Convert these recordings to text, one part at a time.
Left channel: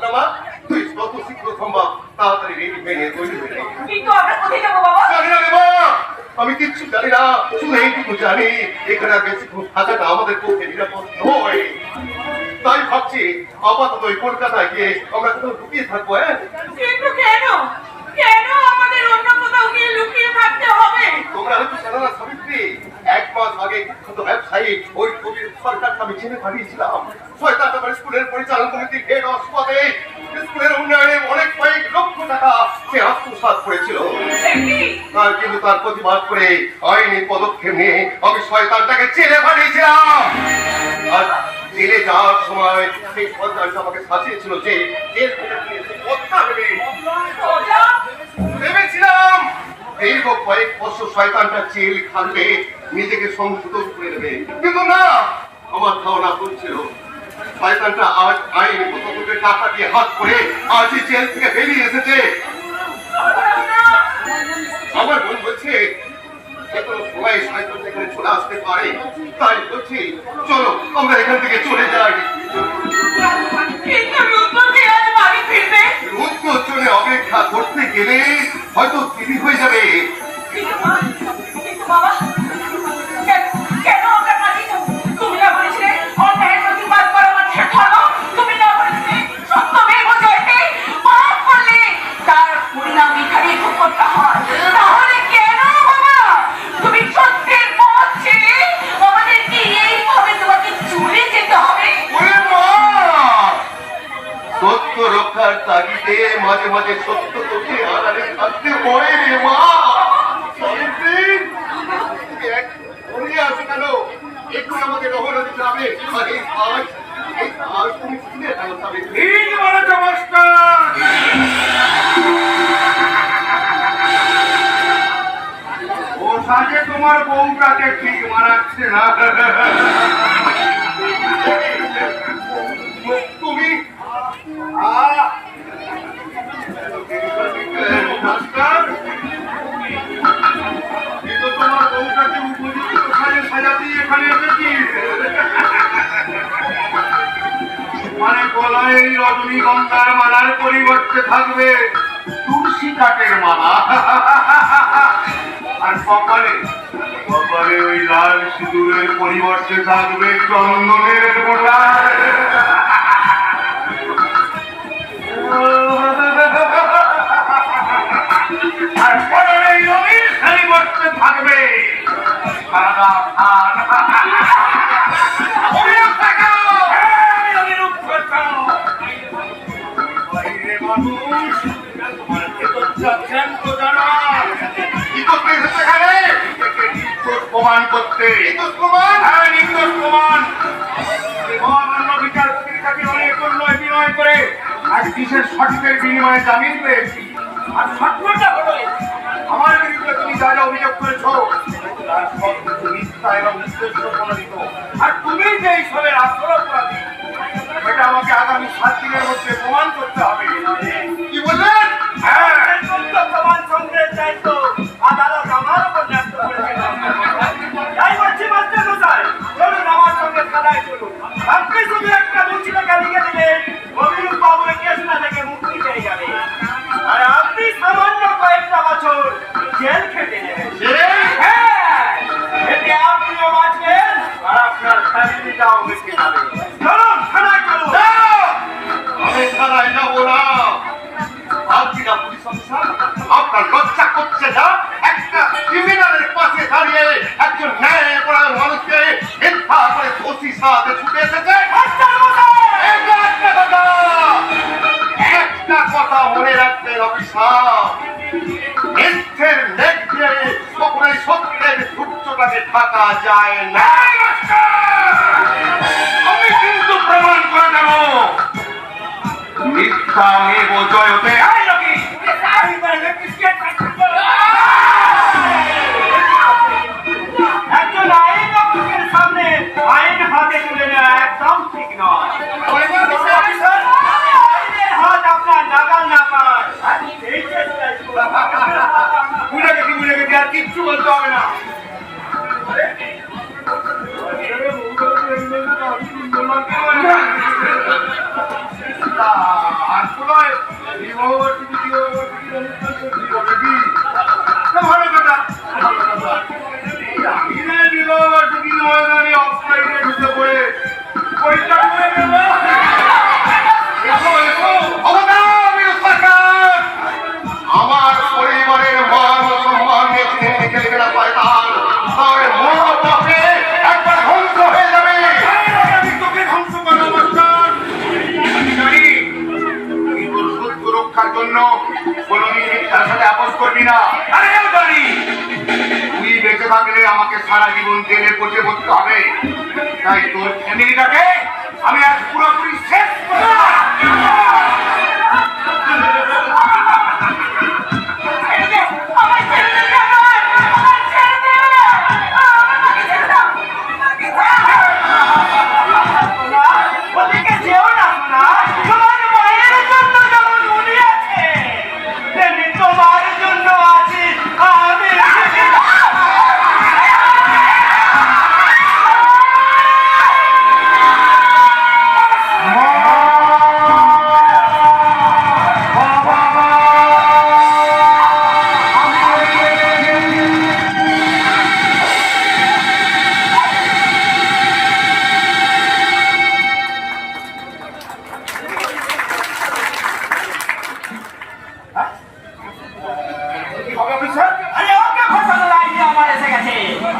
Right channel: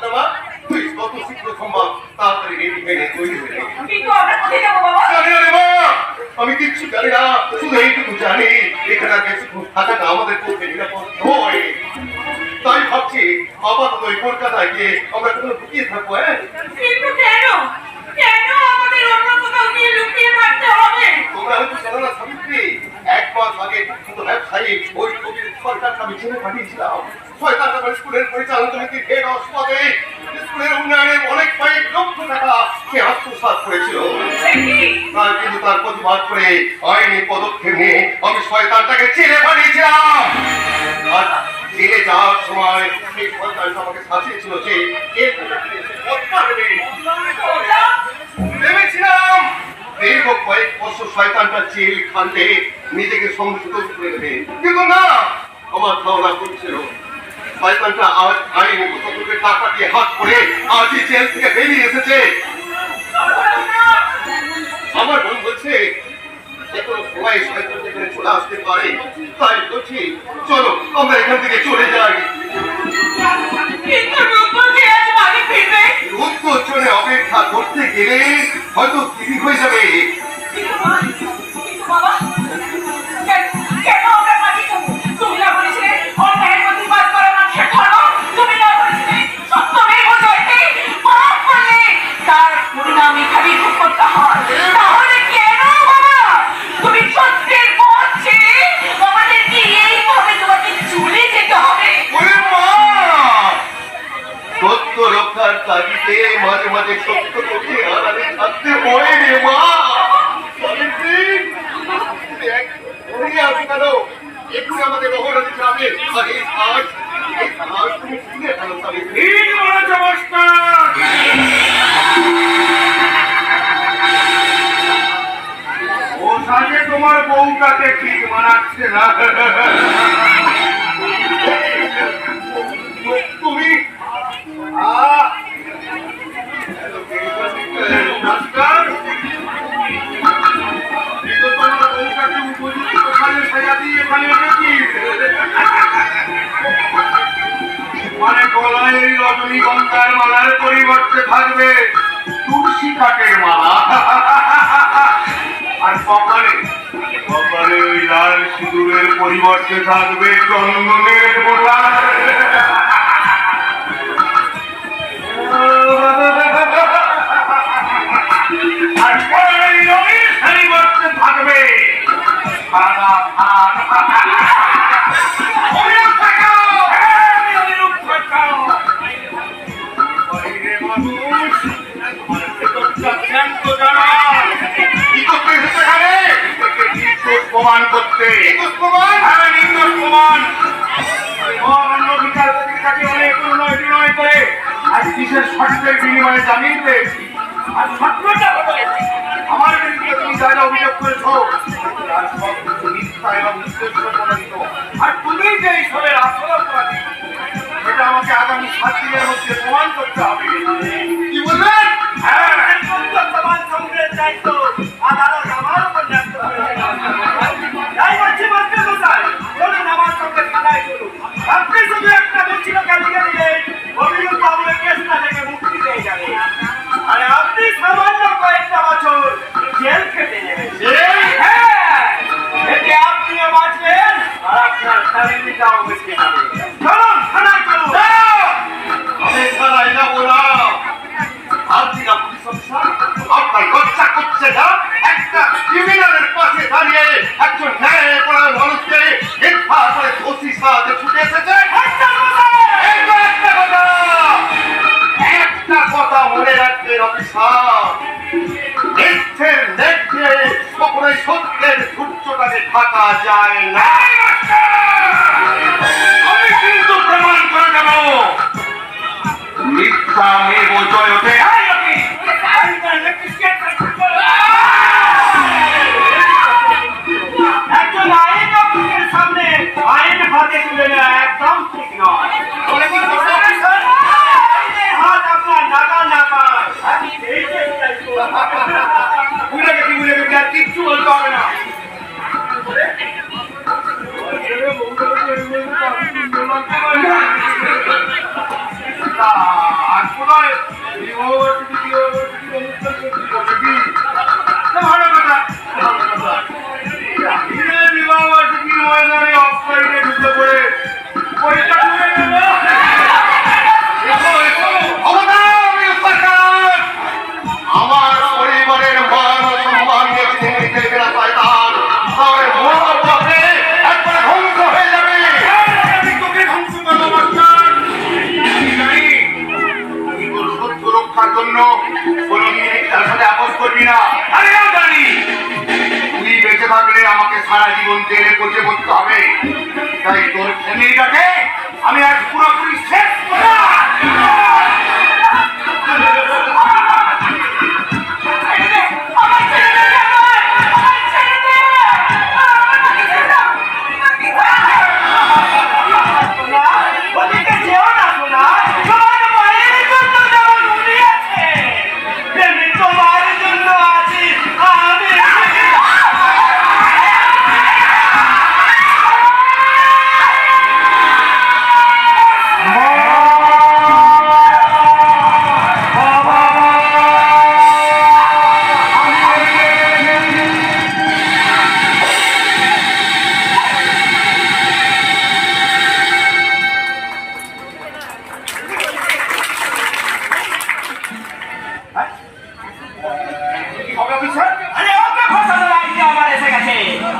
ভাবনা মা, তুই কত শীঘ্র সম্ভব তাড়াতাড়ি রেডি হয়ে নে, তৈরি হয়ে নে। কিন্তু আমরা কোথায় যাবো বাবা? জানি না রে মা, আমি কিচ্ছু জানি না, শুধু এইটুকু জানি এখানে আর বেশিক্ষণ থাকাটা আমাদের পক্ষে নিরাপদ নয়। তাই ভাবছি আপাতত ওই কলকাতায় গিয়ে আমরা কোথাও লুকিয়ে থাকবো। কিন্তু কেন কেন আমাদের অন্য কোথাও গিয়ে লুকিয়ে থাকতে হবে? তোমরা হয়তো জানো না সাবিত্রী, 1 মাস আগে বিখ্যাত ব্যবসায়ী ওই কবির সরকারকে আমি চিনে পাঠিয়েছিলাম। শয়তানটা আমার স্কুলের পরিচালন কমিটির হেড অফ পদে স্কুলের উন্নয়নে অনেক কয়েক লক্ষ টাকা সে আত্মসাৎ করেছিল। আর কিন্তু তার প্রতিবাদ করে আইনি পদক্ষেপ নিয়ে আমি শয়তানটাকে চিনে পাঠিয়েছিলাম। আর জেলে যাওয়ার সময় সেই শয়তানটা আমাকে শাসিয়েছিল যে এর ভেবেছিলাম দীর্ঘ কয়েক বছর শয়তানটা জেল খাটবে, নিজেকে সংশোধন করে দেবে, কিন্তু না, আমার ধারণা করছিল শয়তানটা আজ আইনি পদক্ষেপে টাকা দিয়ে হাত করে আজই জেল থেকে বেরিয়ে এসেছে। আমার মন বলছে এখনো সবাই শয়তান এখানে চলে আসতে পারে, তাই বলছি চলো আমরা এখান থেকে চলে যাই। রূপগঞ্জনে অপেক্ষা করতে গেলে হয়তো দেরি হয়ে যাবে। সত্য রক্ষার তাগিদে মাঝে মাঝে সত্য করতে আড়ালে থাকতে হয় রে মা। কেন একটু আমাদের রহনা দিতে হবে। তুমি শুনে কেন সাবিত্রী? ও সাথে তোমার বউটাকে ঠিক মানাচ্ছে না। তুমি তোমার বউটাকে উপযুক্ত সাজে সাজাতে এখানে এসেছিস, মানে গলায় এই রজনীগন্ধার মালার পরিবর্তে থাকবে তুলসী কাঠের মালা, আর কপালে কপালে ওই লাল সিঁদুরের পরিবর্তে থাকবে চন্দনের ফোঁটা। আর পরের রঙের পরিবর্তে থাকবে সাদা ধান। মানুষ প্রমাণ করতে অনেক উন্নয় করে আর কিসের সঠিকের বিনিময়ে জামিন পেয়েছি। আর সত্যটা হলো আমার বিরুদ্ধে তুমি যা যা অভিযোগ করেছ তার সব কিছু মিথ্যা এবং উদ্দেশ্য প্রণোদিত। আর তুমি যে এইসবের আসল অপরাধী সেটা আমাকে আগামী 7 দিনের মধ্যে প্রমাণ করতে হবে। কি বললেন? হ্যাঁ, প্রমাণ সংগ্রহের দায়িত্ব আদালত আমার উপর ন্যস্ত করেছে। তাই বলছি মাস্টার মশাই, চলুন আমার সঙ্গে থানায় চলুন। আপনি শুধু একটা মুচিটাকে লিখে দিলেন, অভিযোগ বাবু এই কেসটা থেকে মুক্তি পেয়ে যাবে। আর আপনি সামান্য কয়েকটা বছর জেল খেটে নেবেন। হ্যাঁ, এতে আপনিও বাঁচবেন আর আপনার ফ্যামিলিটাও বেঁচে যাবে। চলুন থানায় চলুন। আমি থানায় যাবো না। আপনি না পুলিশ অফিসার, আপনার লজ্জা করছে না? একটা ক্রিমিনালের পাশে দাঁড়িয়ে একজন ন্যায়পরায়ণ মানুষকে মিথ্যা করে দোষী সাজাতে ছুটে এসেছে। একটা কথা মনে রাখবেন অফিসার, মিথ্যের নেত্রে কখনোই সত্যের সূর্যটাকে ঢাকা যায় না। আমি কিন্তু প্রমাণ করে দেব মিথ্যা মেঘ জয়তে। একজন আইন অফিসের সামনে আইন হাতে তুলে নেওয়া একদম ঠিক নয়। হাত আপনার নাগাল না পায়। ভুলে গেছি আর কিচ্ছু বলতে হবে না। কোথায় বিবাহবার্ষিকী অনুষ্ঠান করছি কি ভালো কথা ভালো কথা বিবাহবার্ষিকী ময়দানে অফলাইনে ঢুকে পড়ে পরীক্ষা হয়ে গেল। আমার পরিবারের মান সম্মান খেলবে না শয়তান, তাহলে মহাপাপে একবার ধ্বংস হয়ে যাবে। আমি তোকে ধ্বংস করবো মাস্টার। আমি জানি তুই তোর সত্য রক্ষার জন্য কোনোদিন তার সাথে আপোষ করবি না। আরেও জানি তুই বেঁচে থাকলে আমাকে সারা জীবন জেলে পচে বসতে হবে। তাই তোর ফ্যামিলিটাকে আমি আজ পুরোপুরি শেষ করবো।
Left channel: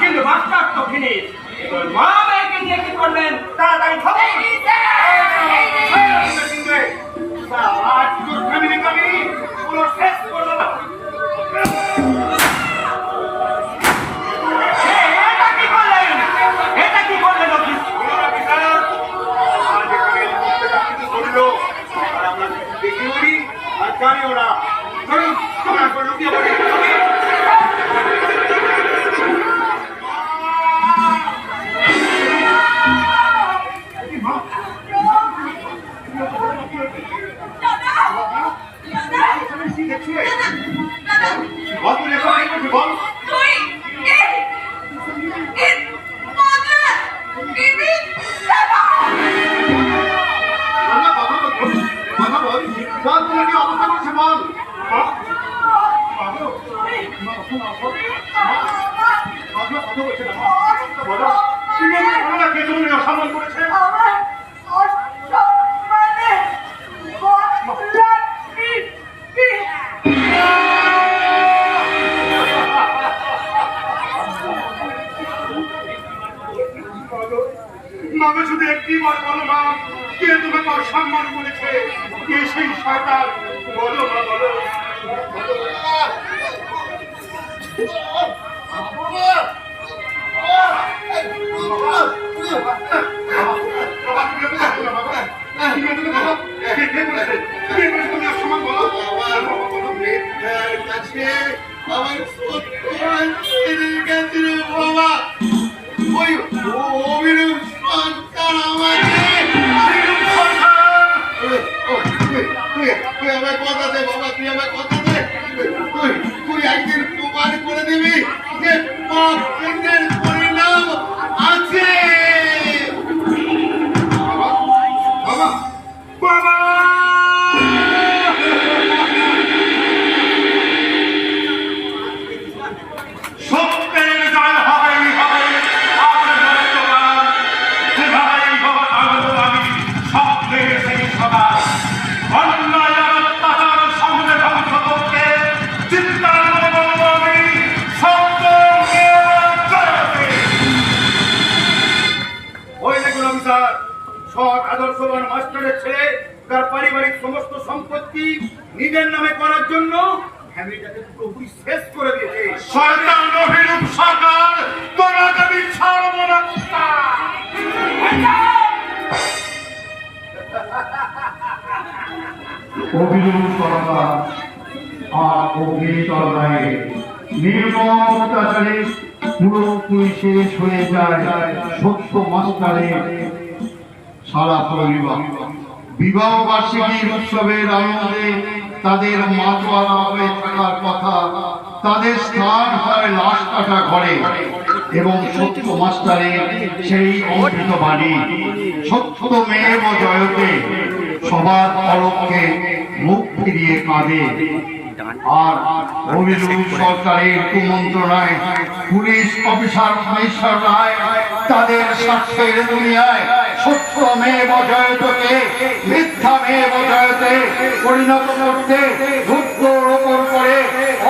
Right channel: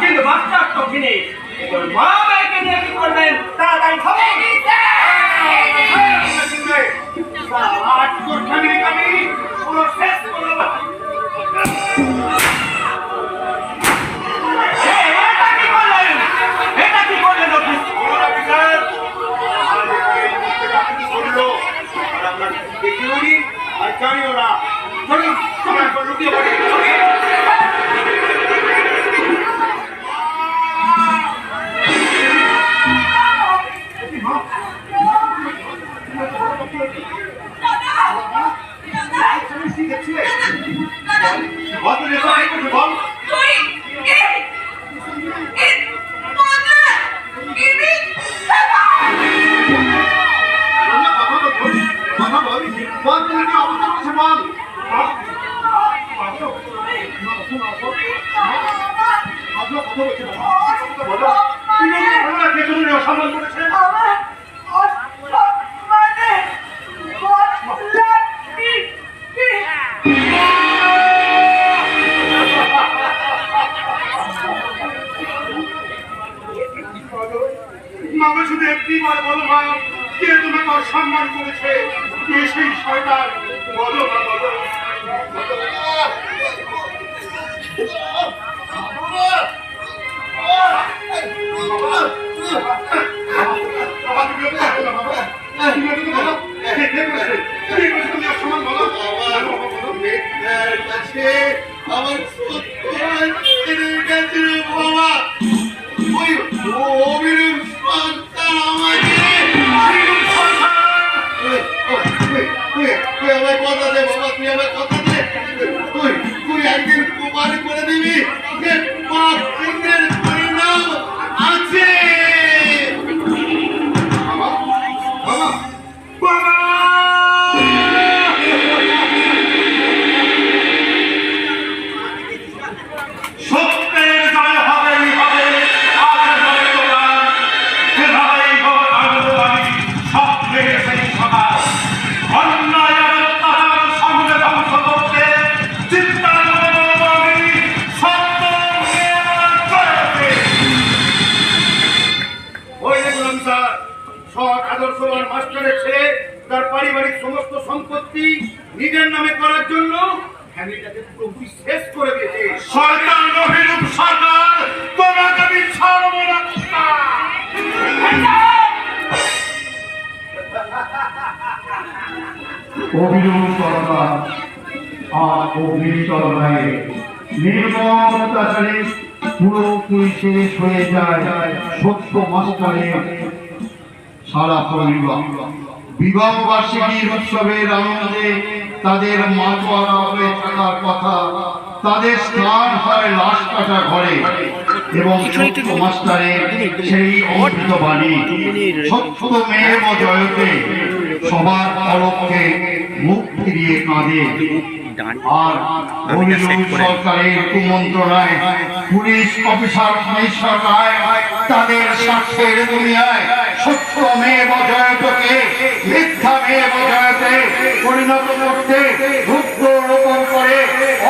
কিন্তু মাস্টার তো ফিনিশ। মা মেয়েকে নিয়ে কি করলেন তাড়াতাড়ি খবর। আজ তোর ফ্যামিলি পুরো শেষ করলো। এটা কি করলেন অফিস? আমরা দেখি উড়ি আর জানি ওরা চলুন তোমরা লুকিয়ে পড়ি। বল সম্মান করেছে। মামা শুধু একটি বার বলো মা, কে তোমাকে অসম্মান করেছে? কে সেই শয়তান? বলো মা, বলো। আমার বাবা ওই অভিনব সরকার তুই আমার কথা দে বাবা, তুই আমার কথা দে। তুই একদিন প্রমাণ করে দিবি যে পাপ পুণ্যের পরিণাম আছে। বাবা বাবা সত্যের জয় হবেই হবে। আজ নয় তোমার যেভাবেই হোক আমি স্বপ্নের সেই সকাল অন্যায় আর অত্যাচার সামনে ধ্বংস করতে চিন্তা করবো আমি সত্য জয়তে। ওই দেখুন অফিসার, সৎ আদর্শবান মাস্টারের ছেলে তার পারিবারিক সমস্ত সম্পত্তি নিজের নামে করার জন্য ফ্যামিলিটাকে পুরোপুরি শেষ করে দিয়েছে। শয়তান অভিরূপ সরকার, তোমাকে আমি ছাড়বো না। অভিযোগ সরকার আর অগ্নিচর রায়ের নির্মম অত্যাচারে পুরোপুরি শেষ হয়ে যায় সত্য মাস্টারের সারা পরিবার। বিবাহ বার্ষিকীর উৎসবের আনন্দে তাদের মাতোয়ারা হয়ে থাকার কথা, তাদের স্থান হয় লাশ কাটা ঘরে এবং সত্য মাস্টারের সেই অমৃত বাণী সত্য মেয়ে জয়তে সবার পরক্ষে মুখ ফিরিয়ে কাঁদে। আর অভিযোগ সরকারের কুমন্ত্রণায় পুলিশ অফিসার কমিশনার রায় তাদের স্বার্থের দুনিয়ায় সত্য মেয়ে বজয়তকে মিথ্যা মেয়ে বজয়তে পরিণত করতে রুদ্র রোপণ করে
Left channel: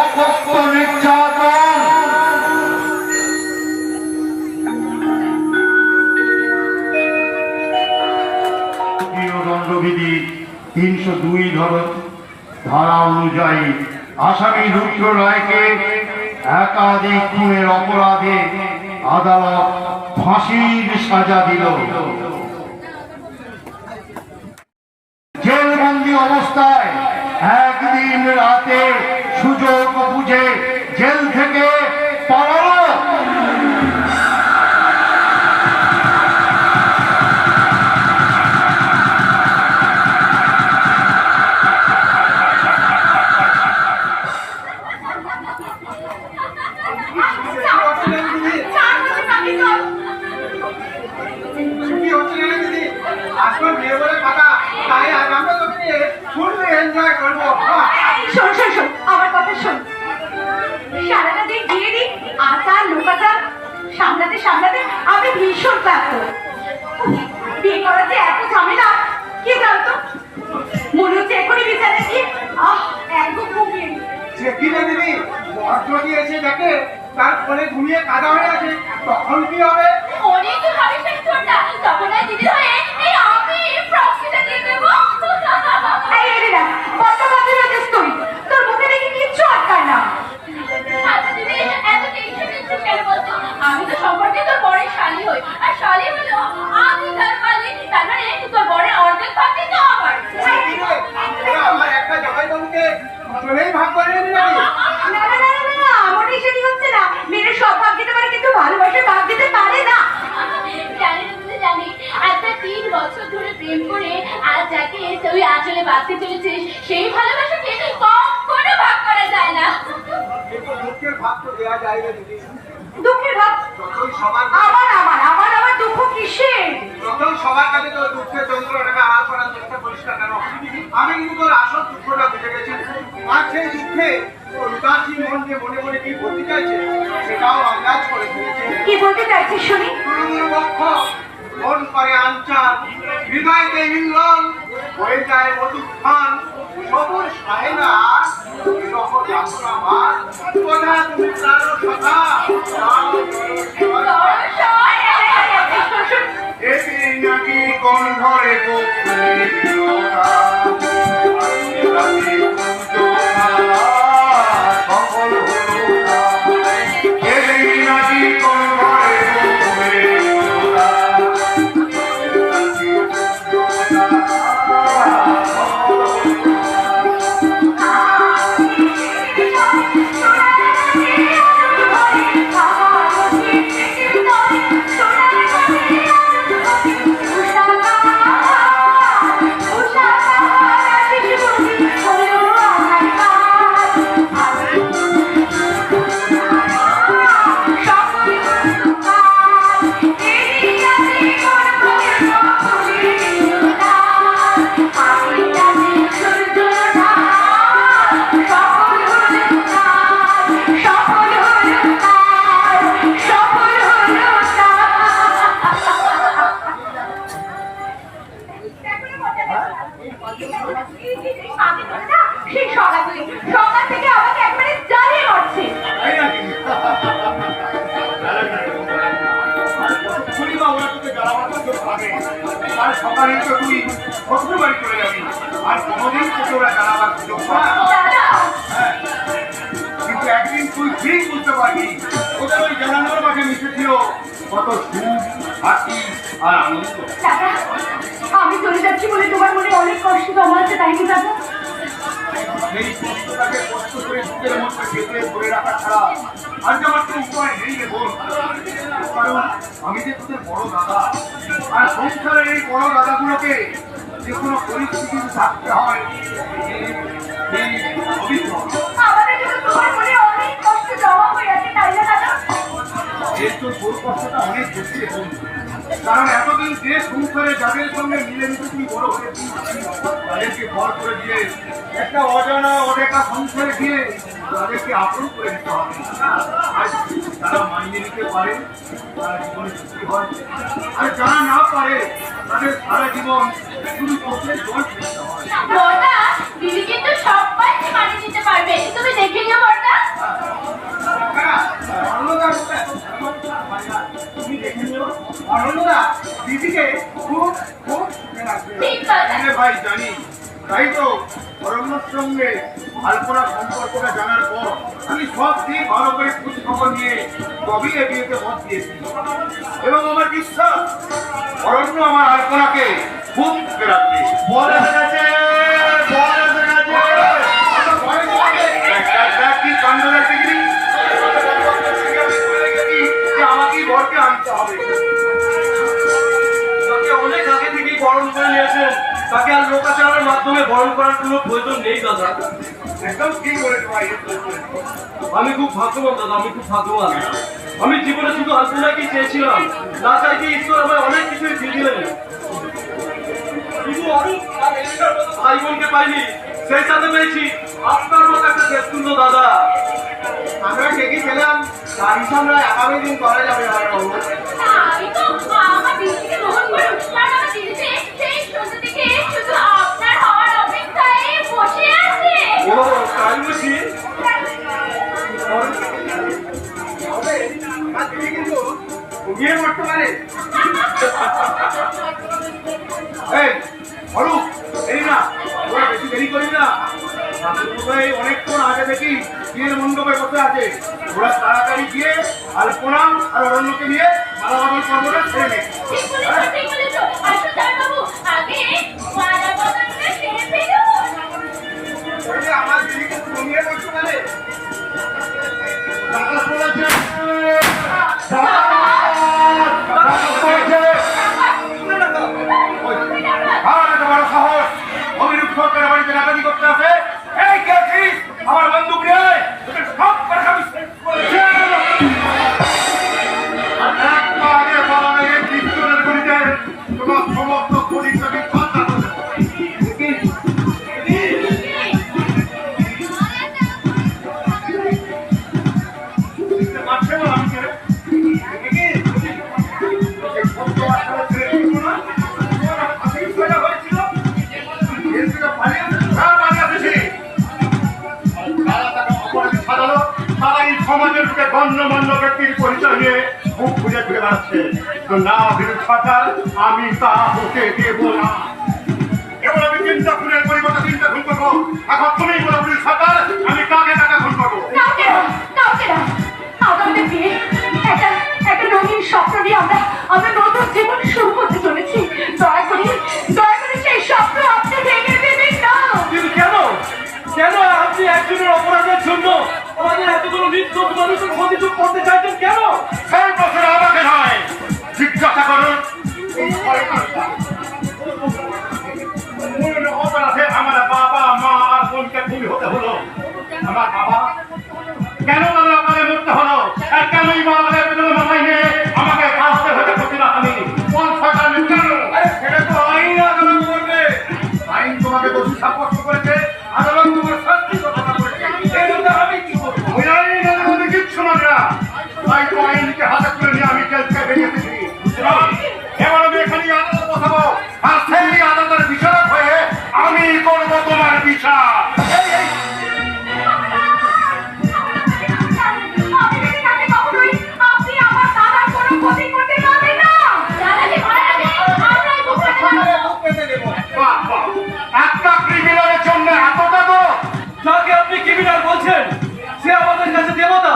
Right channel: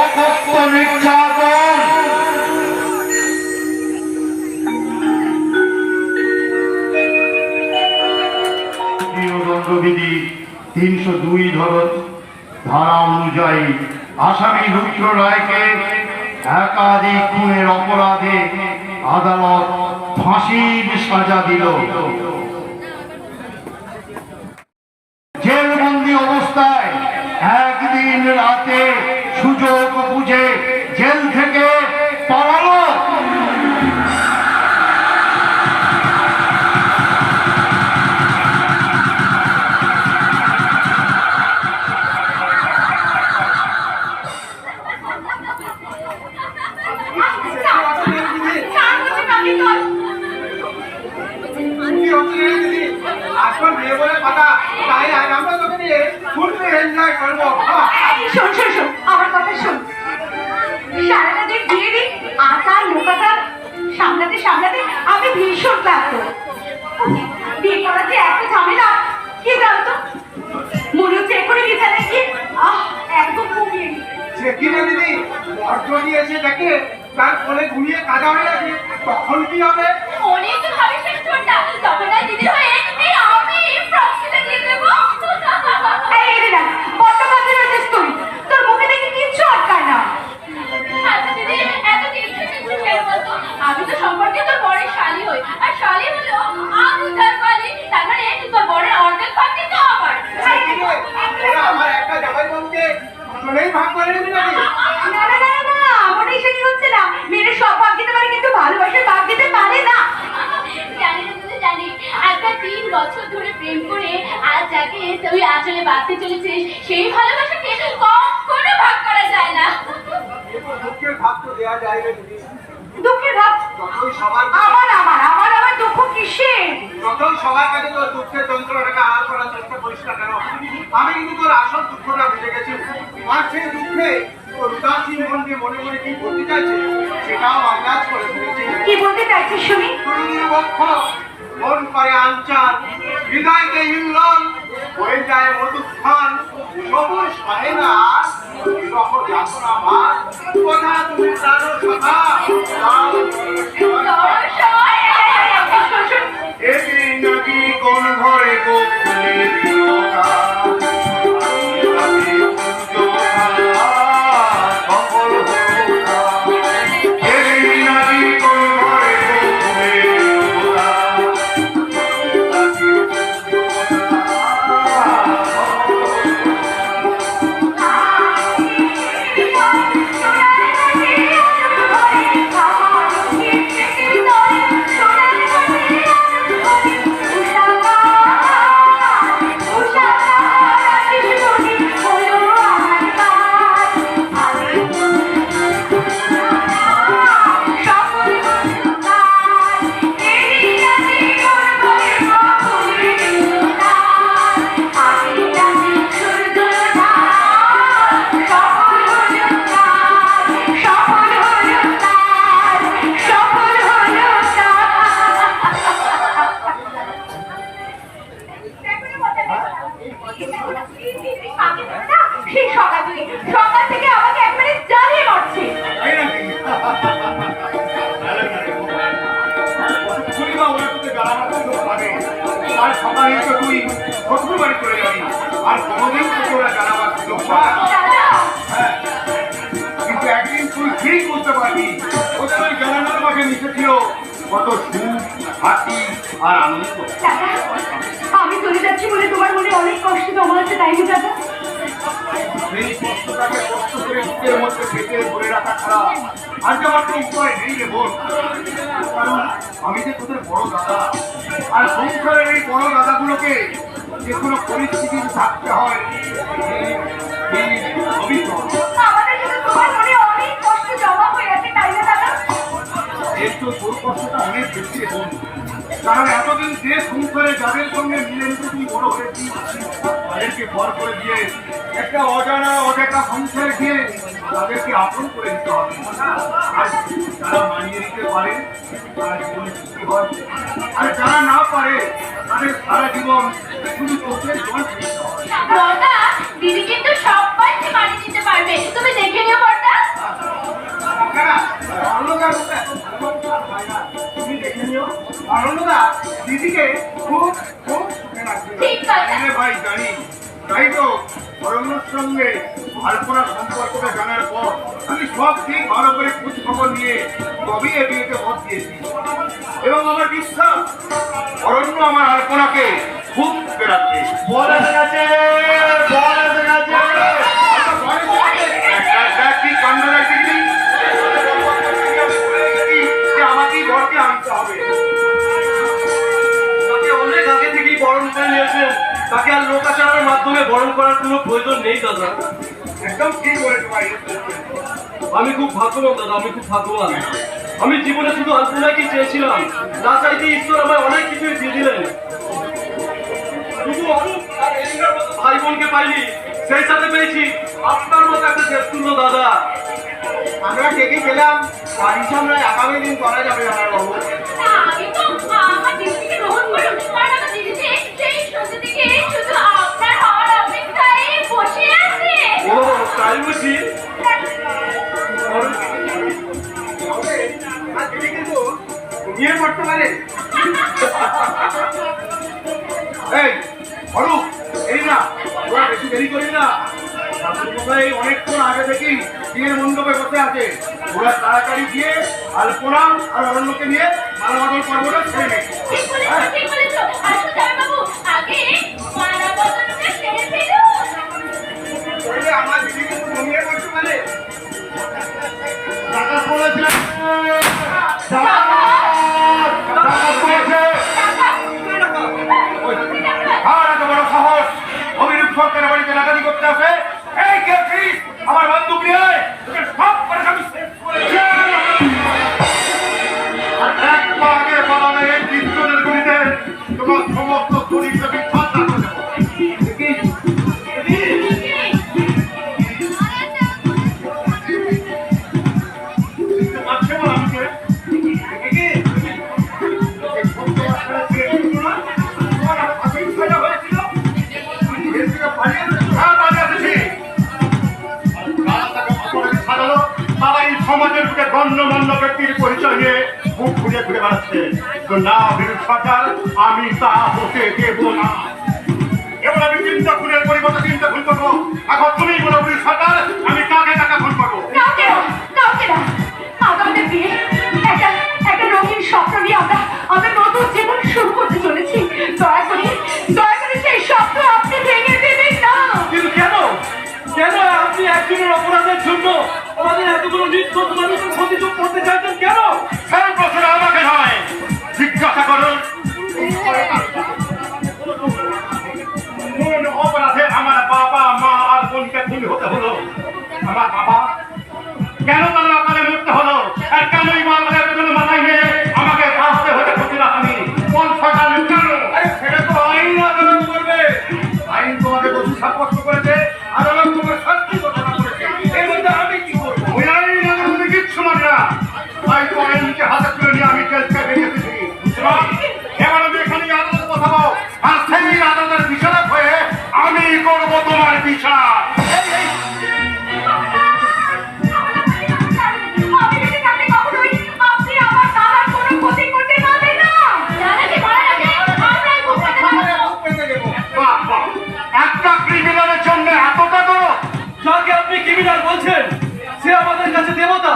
অকথ্য নির্যাতন। দণ্ডবিধি 302 ধারা অনুযায়ী আসামি রুদ্র রায়কে একাধিক খুনের অপরাধে আদালত ফাঁসির সাজা দিল। জেলবন্দি অবস্থায় একদিন রাতে সুযোগ বুঝে জেল থেকে পালালো। আসল বিয়ে বলে কথা, তাই আজ আমরা তোকে নিয়ে ফুল এনজয় করবো। শোন শোন শোন, আমার কথা শোন। সারাটা দিন বিয়ে দিন আচার লোকাচার সামলাতে সামলাতে আমি ভীষণ ক্লান্ত। বিয়ে করাতে এত ঝামেলা, কি জানতো মনে হচ্ছে এখনই বিছানায় গিয়ে একদম ঘুমিয়ে নি। সে কি রে দিদি, বর্ধনি এসে দেখে তার ফলে ঘুমিয়ে কাদা হয়ে গেছে, তখন কি হবে? অনেক ভাবে শেষ করতা, তখন আর দিদি হয়ে এই আমি প্রশ্নটা দিয়ে দেবো। এই দিদা কত বাজে রয়েছিস তুই, তোর মুখে দেখি কিচ্ছু আটকায় না। আচ্ছা দিদি, এত টেনশন নিচ্ছিস কেন বলতো? আমি তো সম্পর্কে তোর বড়ের শালি হই, আর শালি হলো আমি তার শালি, তার মানে তোর বড়ের অর্ধেক পাখি তো আমার। কি রে, ওরা আমার একটা জামাইবাবুকে দুজনেই ভাগ করে নিবি নাকি? না না না না, আমার এসে কি হচ্ছে না, মেয়েরা সব ভাগ দিতে পারে কিন্তু ভালোবাসা ভাগ দিতে পারে না। জানি তুই জানি, একটা 3 বছর ধরে প্রেম করে আজ যাকে তুই আসলে বাঁচতে চলেছিস সেই ভালোবাসাকে কখনো ভাগ করা যায় না। দুঃখের ভাগ তো দেওয়া যায় না দিদি। দুঃখের ভাগ যখন সবার আমার দুঃখ কিসের? যখন সবার কাছে তোর দুঃখের যন্ত্রণাটাকে আড়াল করার চেষ্টা করিস না কেন? আমি কিন্তু তোর আসল দুঃখটা বুঝে গেছি। আর সেই দুঃখে তোর উদাসীন মনকে মনে মনে কি বলতে চাইছে সেটাও আন্দাজ করে ফেলেছে। কি বলতে চাইছিস শুনি? তুই নিরপেক্ষ, মন করে আনচান, হৃদয়কে হিল্লন, হয়ে যায় মধুক্ষণ, সবুজ হয় না বিরহ যাতনা ভার, কোথা তুমি প্রাণ সখা এটি নাকি কোন ঘরে গোপনে বিরোধা, সফল হলো না। এটি নাকি কোন ঘরে গোপনে বিরোধা, সেই সকাল থেকে আমাকে একবারে জ্বালিয়ে মারছে। তাই নাকি? পূর্ণিমা ওরা তোকে জ্বালাবার সুযোগ পাবে, আর সকালে তো তুই শ্বশুর বাড়ি চলে যাবি, আর কোনোদিন তোকে ওরা জ্বালাবার সুযোগ পাবে না। হ্যাঁ, কিন্তু একদিন তুই ঠিক বুঝতে পারবি ওদের ওই জ্বালানোর মাঝে মিশেছিল কত সুখ, হাসি আর আনন্দ। দাদা, আমি চলে যাচ্ছি বলে তোমার মনে অনেক কষ্ট জমা আছে, তাই কি দাদা? সেই কষ্টটাকে কষ্ট করে বুকের মধ্যে পেটে ধরে রাখা ছাড়া আর যে আমার কোনো উপায় নেই রে বোন। কারণ আমি যে তোদের বড় দাদা, আর সংসারের এই বড় দাদাগুলোকে যে কোনো পরিস্থিতিতে থাকতে হয় এই অভিজ্ঞতা। আমাদের জন্য তোমার মনে অনেক কষ্ট জমা হয়ে আছে, তাই না দাদা? এর তো তোর কষ্টটা অনেক বেশি রে বোন। কারণ এতদিন যে সংসারে যাদের সঙ্গে মিলেমিশে তুই বড় হয়েছিস তাদেরকে ভর করে দিয়ে একটা অজানা অদেখা সংসার ঘিরে তাদেরকে আপন করে দিতে হবে। আর যারা মানিয়ে নিতে পারে তারা জীবনে সুখী হয়, আর যারা না পারে তাদের সারা জীবন শুধু চোখের জল ফেলতে হয়। বড়দা, দিদি কিন্তু সবাইকে মানিয়ে নিতে পারবে, তুমি দেখে নিও বড়দা। তুমি দেখে নিও, অরণ্যদা দিদিকে খুব খুব সুখে রাখবে। ঠিক কথা। হ্যাঁ ভাই জানি, তাই তো অরণ্যর সঙ্গে আলপনার সম্পর্কটা জানার পর আমি সব দিক ভালো করে খোঁজ খবর নিয়ে তবেই এ বিয়েতে মত দিয়েছি, এবং আমার বিশ্বাস অরণ্য আমার আলপনাকে খুব সুখে রাখবে। বলে গেছে, বলে গেছে। কি কাণ্ড দেখি, আমাকেই ঘরকে আনতে হবে। তাকে অনেক আগে থেকেই বরণ করে নিয়েছেন, তাকে আর লোকাচারের মাধ্যমে বরণ করার কোনো প্রয়োজন নেই দাদা। একদম ঠিক বলেছো ভাই। আমি খুব ভাগ্যবান দাদা, আমি খুব ভাগ্যবান। আমি জীবনে শুধু আলপনাকে চেয়েছিলাম, না চাইতে ঈশ্বর আমায় অনেক কিছুই দিয়ে দিলেন। শুধু অরূপ আর এলিনার মতো ভাই বোনকে পাইনি, সেই সাথে পেয়েছি আপনার মতো একটা দেবতুল্য দাদা। আমরা ঠিকই গেলাম, তার হিসাব নয় আগামী দিন করা যাবে আমার বাবু। আমি তো আমার দিদিকে রোজ বলুন, কারণ আমার দিদিতে সেই সন্ধ্যে থেকে শুধু আপনার হওয়ার অপেক্ষায় বসে আছে। ও তাই বুঝি? তবে আর দিদি কিন্তু ঘুমিয়ে পড়তে পারে। এই অরূপ, এই না ওরা বেশি দেরি করবি না। ঠাকুরমশাই অনেকক্ষণ আগে দেখি বিয়ের মণ্ডপে বসে আছে, ওরা তাড়াতাড়ি গিয়ে আলপনা আর অরণ্যকে নিয়ে মালা বদল পর্বটা ছেড়ে নে। ঠিক বলেছো, ঠিক বলেছো। আসো জামাইবাবু, আগে মালা বদলটা সেরে ফেলুন। তবে আমার দিদি কিন্তু ঘুমিয়ে পড়তে পারে। টাকা পড়েছে, টাকা পড়েছে। আর এত বড় সাহস, অভিরূপ সরকারের বাড়িতে নাকানি করতে আসে। এই কে আছিস? আমার বন্দুক নিয়ে আয়, তোদের সব করে আমি শেষ করে দেব। আর এক পা আগে পালালে এই পিস্তলের গুলিতে তোমার সমস্ত শরীরটাকে ঠান্ডা করে দেবো। বুঝতে পারছে না আমাকে? দেখি, এই শব্দ আসলে ছেড়ে দিল না? তোমার আসলে বিষয়টা হয়েছিল? তুমি জেল থেকে পালিয়ে এসেছো? হ্যাঁ, পালিয়ে এসেছি। আর যারা তাকে অপরাধী সাজালো, তারা এই সমাজের বুকে গণ্যমান্য ব্যক্তির পরিচয় নিয়ে মুখ খুঁজে ঘুরে বেড়াচ্ছে। তো না বিরূপ সরকার, আমি তা হতে দেব না। এবার আমি 3টা খুনের পরিবর্তে 3টা খুন করবো। এখন তুমিই বলো বিরূপ সরকার, আমি কাকে টাকা খুন করবো? কাউকে না, কাউকে না। আগামী দিনে একটা রঙিন স্বপ্ন নিয়ে আমরা নতুন জীবন শুরু করতে চলেছি। দয়া করে সেই স্বপ্ন আপনি ভেঙে দেবেন না। কিন্তু কেন কেন আপনি একজনের অপরাধের জন্য আমাদের এতগুলো নিষ্ঠুর মানুষের ক্ষতি চুপ করতে চাইছেন কেন? সেই প্রশ্ন আমাকে নয়, জিজ্ঞাসা করুন। কোন অপরাধে আমার বাবা মা আর বোনকে খুন হতে হলো? আমার বাবা কেন তাহলে আপনাদের মরতে হলো? আর কেনই মা আমাদের পেছনে মাথায় নিয়ে আমাকে ফাঁসতে হতে হচ্ছিল? আমি কোন সরকার কেন? আরে সেটা তো আইন আদালত করবে। আইন তোমাকে দোষী সাব্যস্ত করেছে, আদালত তোমার শাস্তি ঘোষণা করেছে। এর মধ্যে আমি কি করবো? ওই আইন আদালতে কিচ্ছু মানে না। তাই তো আইনকে হাতে তুলে নিয়ে আমি জেল থেকে বেরিয়ে এসেছি। এবার আমি এখানে আদালত বসাবো, আর সেই আদালতের বিচারক হয়ে আমি করবো তোমার বিচার। আমি বেঁচে থাকলে কখনোই আপনি আমার দাদার কোনো ক্ষতি করতে পারবেন না। দাদাকে মারার আগে আমরাই মুখ পেতে দেবো। বাহ, বাহ, একটা ক্রিমিনালের জন্য এতটা তো? যাকে আপনি ক্রিমিনাল বলছেন সে আমাদের কাছে দেবতা,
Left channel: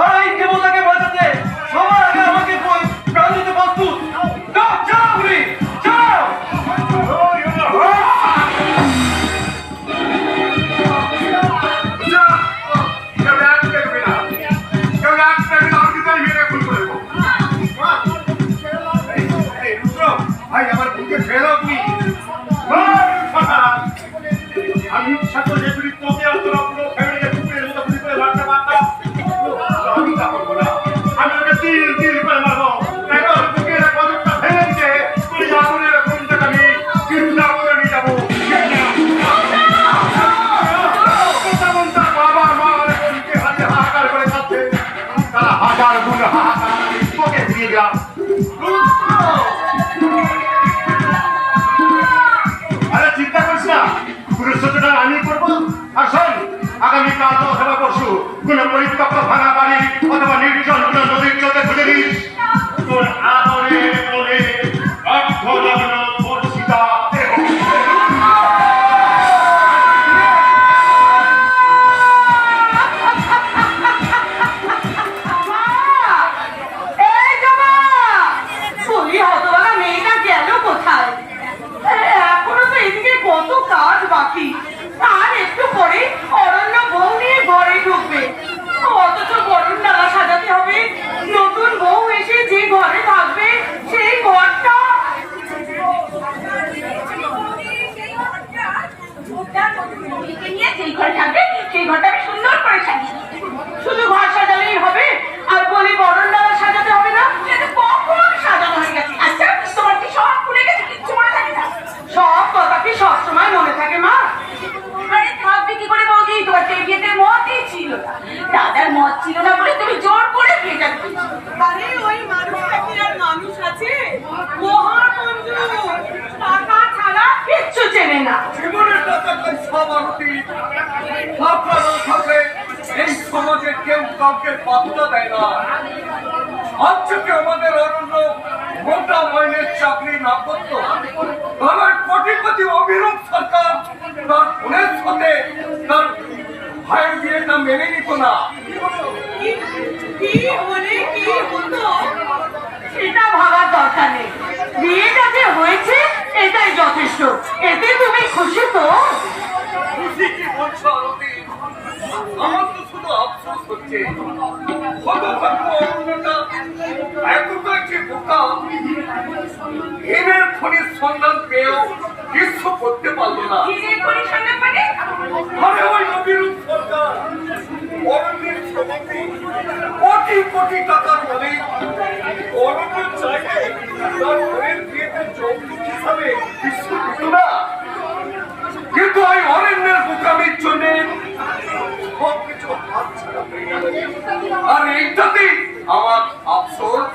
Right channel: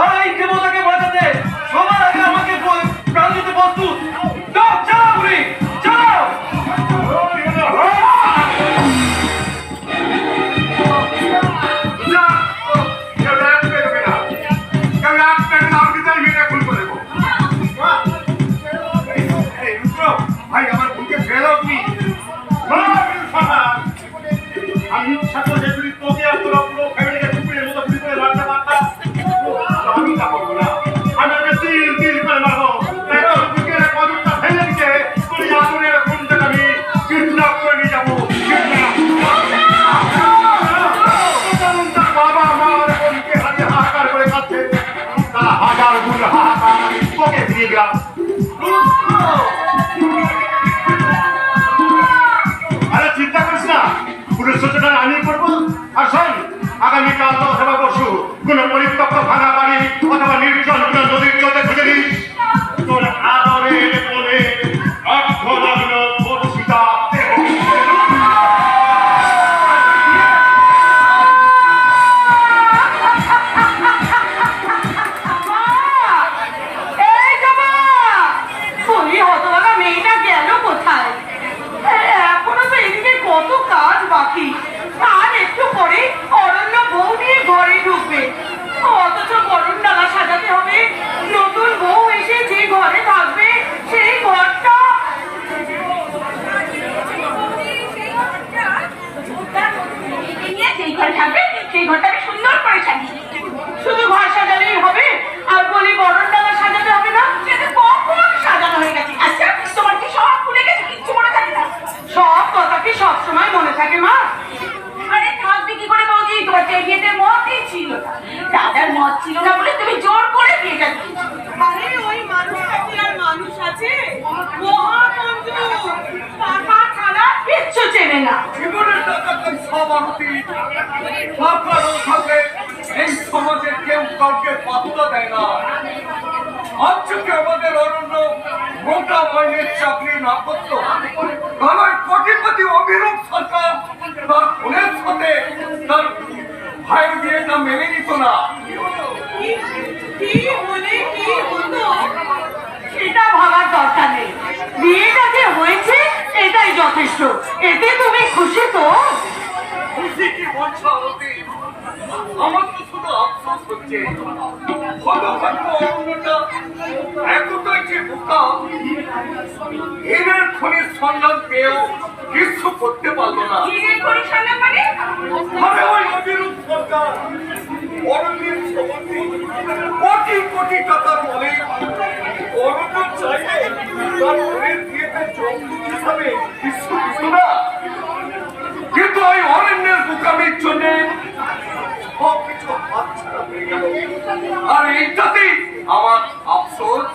আর এই দেবতাকে বাঁচাতে সবার আগে আমাকে প্রাণ দিতে প্রস্তুত। যাও যাও, আপনি যাও। ভাঙা বাড়ি অথবা নির্জন কোনো নদীর জলে খুঁজে নিস তোর আদরের বলে অর্ধনগ্ন ধর্ষিতা দেহ। এই জমা বলি হতভাগা মেয়েটা গেল কোথায়? এখনো তো এদিকে কত কাজ বাকি, আর একটু পরে অরণ্য বউ নিয়ে ঘরে ঢুকবে, অথচ গরুর ডালা সাজাতে হবে। নতুন বউ এসে যে ঘরে থাকবে সেই ঘরটা সেই ঘরে থাকবে, সেই ঘরটা আমি সুন্দর করে সাজিয়ে শুধু ঘর সাজালেই হবে? আর বলি বরণ ডালা সাজাতে হবে না? সেটা কখন সাজানো হয়ে গেছে। আচ্ছা তোমার কি সব ভুলে গেছে, কিচ্ছু মনে থাকে না? সব কথা কি সবসময় মনে থাকে মা? আরে থাকবে কি করে বৌদি, তোমার সেই বিয়েতে মতই ছিল না, দাদার মত ছিল না বলে তুমি জোর করে বিয়েটা দিয়েছো। আরে ওই মানুষটা কি আর মানুষ আছে? মহাকঞ্জুস, টাকা ছাড়া কিচ্ছু চেনে না। জীবনের টাকা তো সব আরতি সরকার থাকলে এই সমাজের কেউ কাউকে পাত্তা দেয় না। আজকে আমাদের অরণ্য মোটা মাইনের চাকরি না করতো, তাহলে কোটিপতি অভিরূপ সরকার তার বোনের সাথে তার ভাইয়ের বিয়েটা মেনে নিত না। কি হলে কি হতো সেটা ভাবার দরকার নেই, বিয়েটা যে হয়েছে এটাই যথেষ্ট। এতে তুমি খুশি তো? খুশি কি বলছো আরতি? আমার তো শুধু আফসোস হচ্ছে হতভাগ্য অরণ্যটা এতটাই যে বোকা, হিরের খনির সন্ধান পেয়েও কিছু করতে পারলো না। আরে ওই অভিরূপ সরকার অরণ্যের সমাধি কোটি কোটি টাকার মালিক। অরণ্য চাইলে তার বোনের বিয়েতে যৌতুক হিসাবে কিছু দিত না, কিন্তু ওই অরণ্যের বোকামির জন্য সবকিছু হাতছাড়া হয়ে গেল। আর এইটাতেই আমার আফসোস।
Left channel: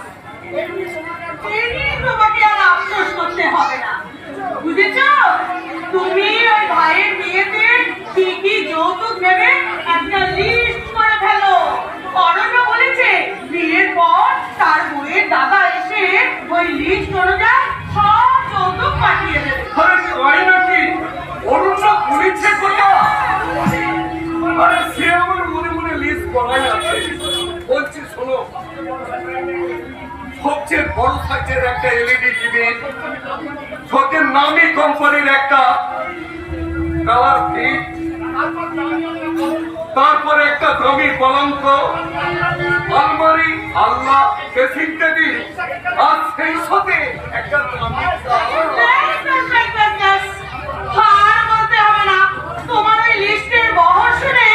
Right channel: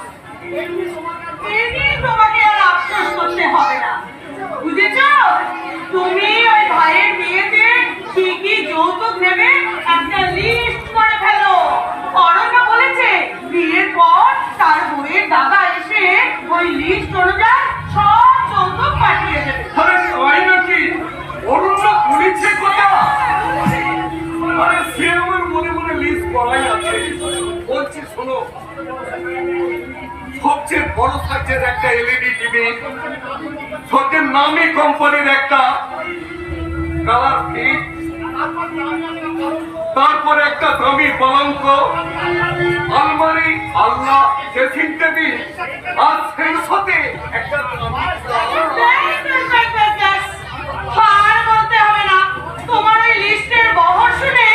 তোমাকে আর আফসোস করতে হবে না, বুঝেছ? তুমি ওই ভাইয়ের বিয়েতে কি কি যৌতুক নেবে একটা লিস্ট করে ফেলো। অরণ্য বলেছে বিয়ের পর তার বইয়ের দাদা এসে ওই লিস্ট অনুযায়ী সব যৌতুক পাঠিয়ে দেবে। আরে তাই নাকি? অরণ্য বলেছে কথা? আরে সে আমার মনে মনে লিস্ট করাই আছে। বলছি শোনো, সবচেয়ে বড় সাইজের একটা এলইডি টিভি, সবচেয়ে নামি কোম্পানির একটা কালার ফিট, তারপরে একটা দামি পলঙ্ক, আলমারি, আলনা, ড্রেসিং টেবিল, আর সেই সাথে একটা দামি আর বলতে হবে না, তোমার ওই লিস্টের বহর শুনে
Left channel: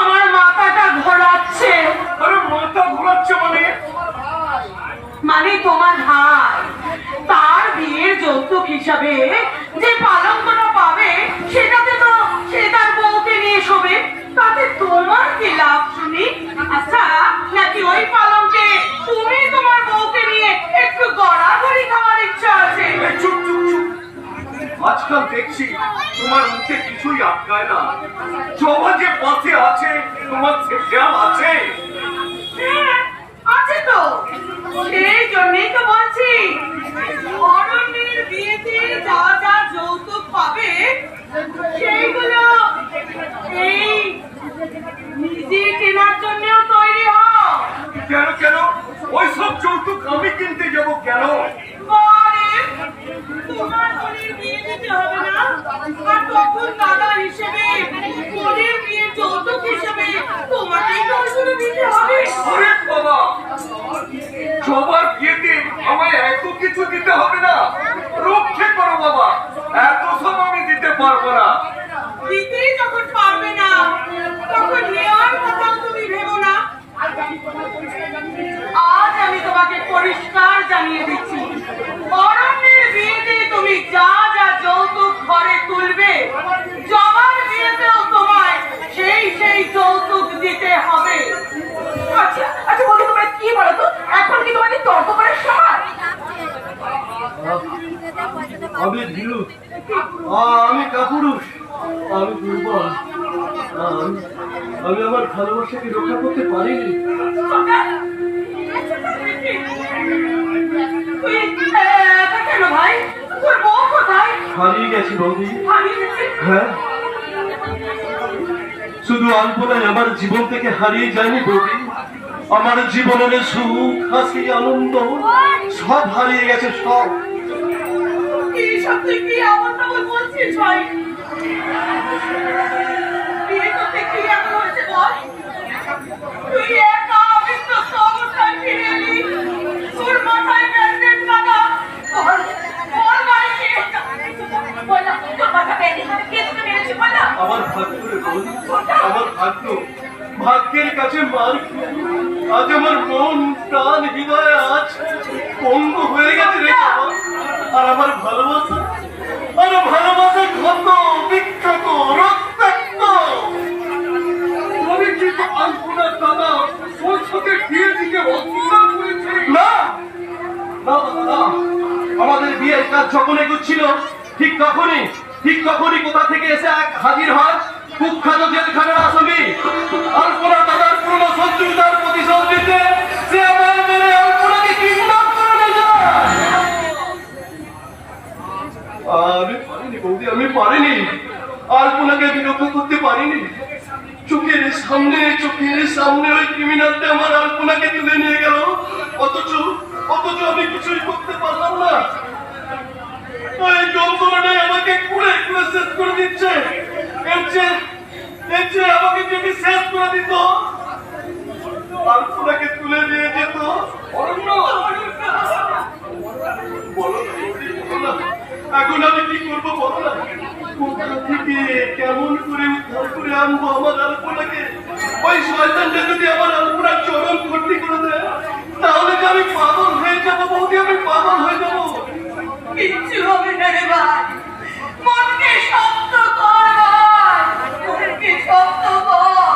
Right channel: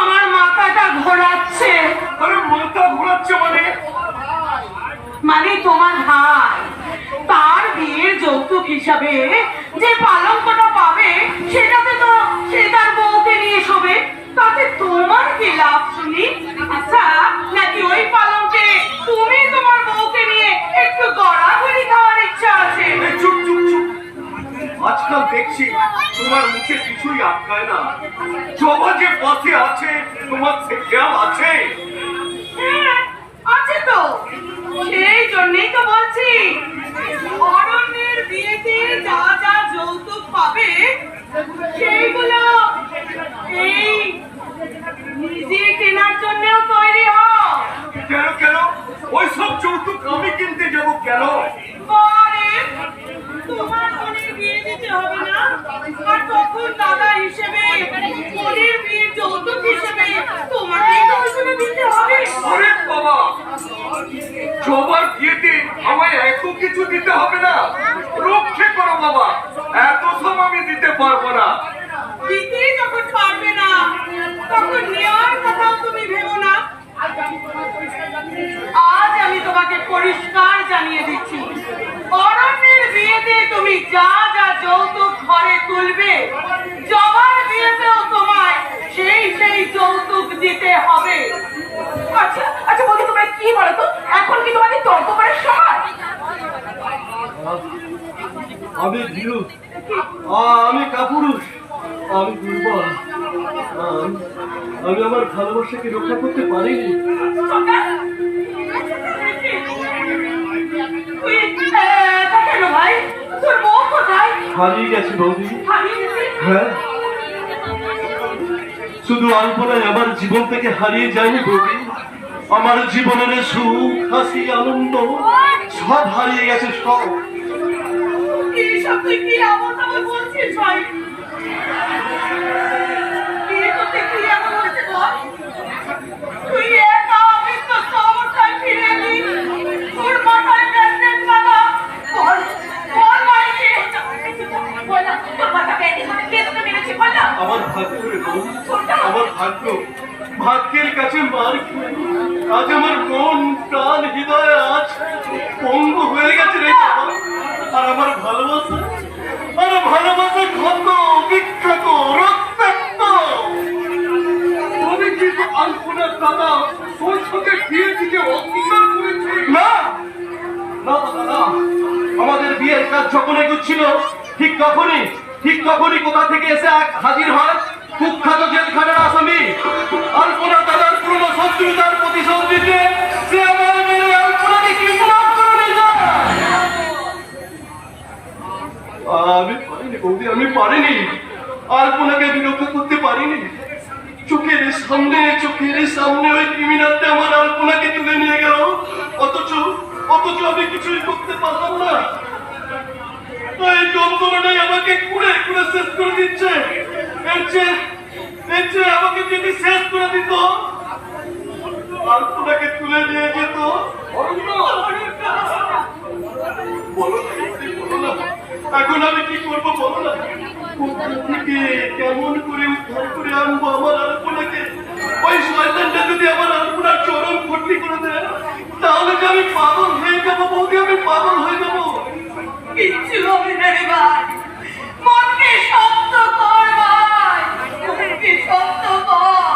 আমার মাথাটা ঘোরাচ্ছে। আরে মাথা ঘোরাচ্ছে মানে তোমার ভাই তার বিয়ের যৌতুক হিসাবে যে পালঙ্কটা পাবে সেটাতে তো সে তার বউকে নিয়ে শোবে, তাতে তোমার কি লাভ শুনি? আচ্ছা নাকি ওই পালঙ্কে তুমি তোমার বউকে নিয়ে একটু গড়াগড়ি খাওয়ার ইচ্ছা আছে? চুপ চুপ চুপ। আজকাল দেখছি তোমার মুখে কিছুই আটকায় না। জবা যে পথে আছে তোমার সে খেয়াল আছে? হ্যাঁ, আছে তো, সেই জন্যই তো বলছি অরণ্যের বিয়েতে যা যা যৌতুক পাবে সেইগুলো এই নিজে কেনার জন্যও তৈরি হও। কেন কেন ওইসব যৌতুক আমি কিনতে যাব কেন? পরে তোমার বোনের বিয়ে দিতে হবে না, আর তখন দাদা হিসেবে বোনের বিয়ের যৌতুক হিসেবে তোমাকেই তো ওইগুলো দিতে হবে। আরে বাবা, জবার বিয়েতে আমায় এত কিছু দিতে হবে না। রক্ষে করো বাবা, এত সব আমি দিতে পারবো না। দিতেই যখন পারবে না তখন নেওয়ার কথাও তুমি ভেবো না। আজ আমি তোমাকে পরিষ্কার জানিয়ে দিচ্ছি, অরণ্যের বিয়েতে তুমি যা যা যৌতুক ঘরে তুলবে, জবার বিয়েতেও তোমায় সেই সেই যৌতুক দিতে হবে। আচ্ছা আচ্ছা বলছি, তোমরা কি বলো তো, এখন কি তোমাদের তর্ক করার সময়? আমি ভীরু, আমি কাপুরুষ, আমি দুর্বল, আমি আমার ভালোবাসাকে রক্ষা করতে পারিনি। তুই একা কেন ভাই? তোর বউ কোথায়? হারিয়ে গেছে বৌদি। হারিয়ে গেছে? হ্যাঁ, শুধু আলপনায় আমার জীবন থেকে হারিয়ে যায়নি বৌদি, আমার জীবনের সুখ হাসি আনন্দ সব হারিয়ে গেছে, সব। এই সব তুই কি আমার নামে বলছিস ভাই? বিয়ে করতে কি এমন হয়েছে বল? তুই একা অবিশ্বস্ত অবস্থায় ফিরে এলি। তোর মাথায় ব্যান্ডেজ বাঁধা। বল ভাই কি হয়েছে? বল না, তোর মাথা ব্যান্ডেজ বাঁধা কে তোকে মেরেছে বল না? আমার ভাগ্য রে বৌদি, আমার ভাগ্য। ভাগ্যের কাছে মার খেয়ে আজ আমার মন প্রাণ হৃদয় আজ পঙ্গু হয়ে গেছে রে জামাই। আর আমার ভালোবাসা ক্ষত বিক্ষত রক্তাক্ত। তবে কিন্তু আলপনার দাদা তোর সাথে বিয়ে দিতে অস্বীকার করেছে। না না দাদা, না। আমাদের বিয়ের কাজ যখন এগোচ্ছিল ঠিক তখনই কোথা থেকে এসে এক হাজির হয় কুখ্যাত জেলখানার আসামি আলপনা দাদার পুরনো শত্রুতার প্রতিশোধ দিতে। সে আমার মেরে আলপনাকে কিডন্যাপ করে নিয়ে যায়। আমি পারিনি বৌদি, আমি পারিনি। আলপনাকে আমি রক্ষা করতে পারিনি। চোখের সামনে ওই ক্রিমিনালটা আমার আলপনাকে তুলে নিয়ে গেল, অথচ আমি কিছুই করতে পারলাম না। এই যন্ত্রণাটাই আমাকে কুড়ে শেষ করে দিচ্ছে। এর চেয়ে আমাকে যদি শেষ করে দিত, আলপনাকে তুলে নিয়ে যেত। অরণ্য, বলো না, এখন আমি কি করবো বলো না? কোথা থেকে কেমন করে উদ্ধার করে আনবো আমার আলপনাকে? ওই শয়তানটা যদি আমার আলপনার চরম ক্ষতি করে দেয়, তাহলে যে আমি পাগল হয়ে যাবো বৌদি, আমি পাগল হয়ে যাবো। কিচ্ছু হবে না রে ভাই। মনকে শক্ত কর ভাই। মনকে শক্ত কর।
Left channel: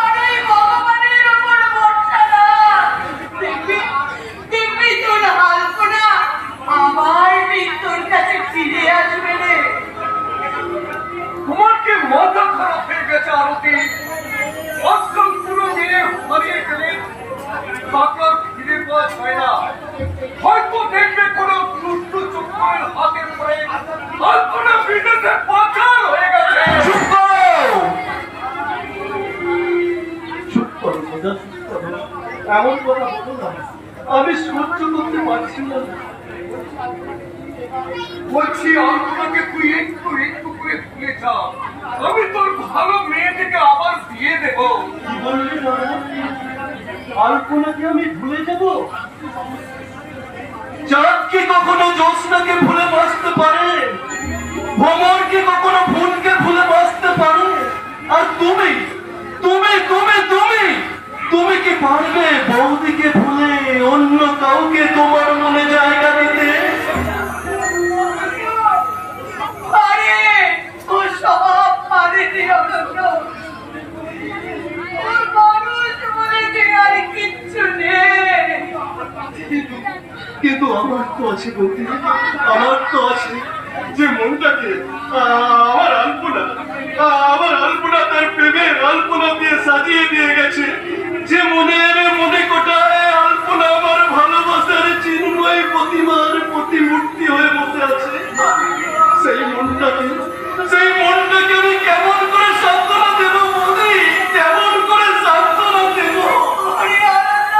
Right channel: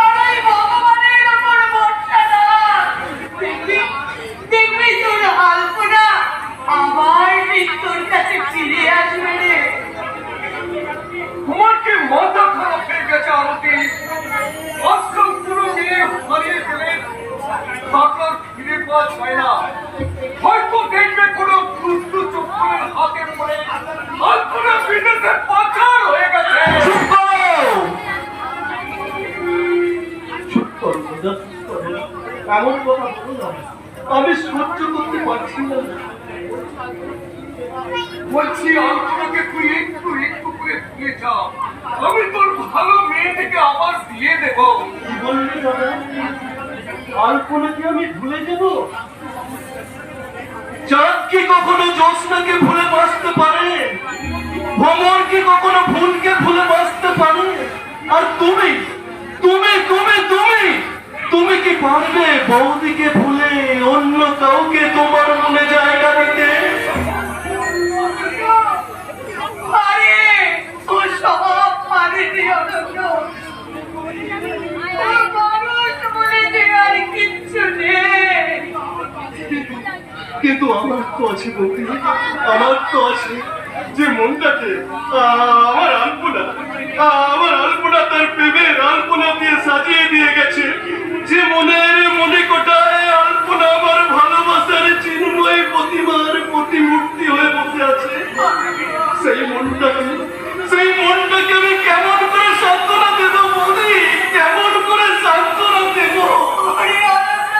আর ওই ভগবানের উপর ভরসা রাখ। দেখবি তোর আলপনা আমার মৃত্যুর কাছে ফিরে আসবে রে। তোমার কি মাথা খারাপ হয়ে গেছে আরতি? আজকাল পুরো মেয়ে হারিয়ে গেলে তাকে আর ফিরে পাওয়া যায় না। হয়তো দেখবে কোনো দুষ্ট চক্রের হাতে পড়ে আলপনা বিদেশে পাচার হয়ে গেছে। চুপ করো দাদা, চুপ করো। এমন কথা বলো না, আমি সহ্য করতে পারছি না। বলছি আলপনাকে তুই একটু করে দিয়ে যা। আমি তোর ভালো মেয়ে থেকে আবার বিয়ে দেবো। কি বললি দাদা? আলপনাকে আমি ভুলে যাব? চাঁদ কি কখনো জ্যোৎস্নাকে ভুলে বাঁচতে পারে? ভ্রমর কি কখনো ফুলকে ভুলে বাঁচতে পারে? আর তুমি তুমি তুমি তুমি তুমি কি পারবে বৌদিকে ভুলে অন্য কাউকে তোমার মনে জায়গা দিতে? আরে ও সব পারেনি অনন্ত। ওর মানুষ বলে যে আর কিচ্ছু নেই। কিন্তু আমার তো আছে বৌদি, আমার তো আছে যে মনটাকে আমার আলপনা তার প্রেমের আলপনা দিয়ে সাজিয়ে দিয়ে গেছে। যে মনে কোটায় আলপনা আমার ভালোবাসার চিন্ময় প্রতিমার প্রতিমূর্তি হয়ে বসে আছে। সেই মনটাকে আমি কেমন করে সান্ত্বনা দেব বৌদি? কেমন করে সান্ত্বনা দেব? আরে অনন্ত,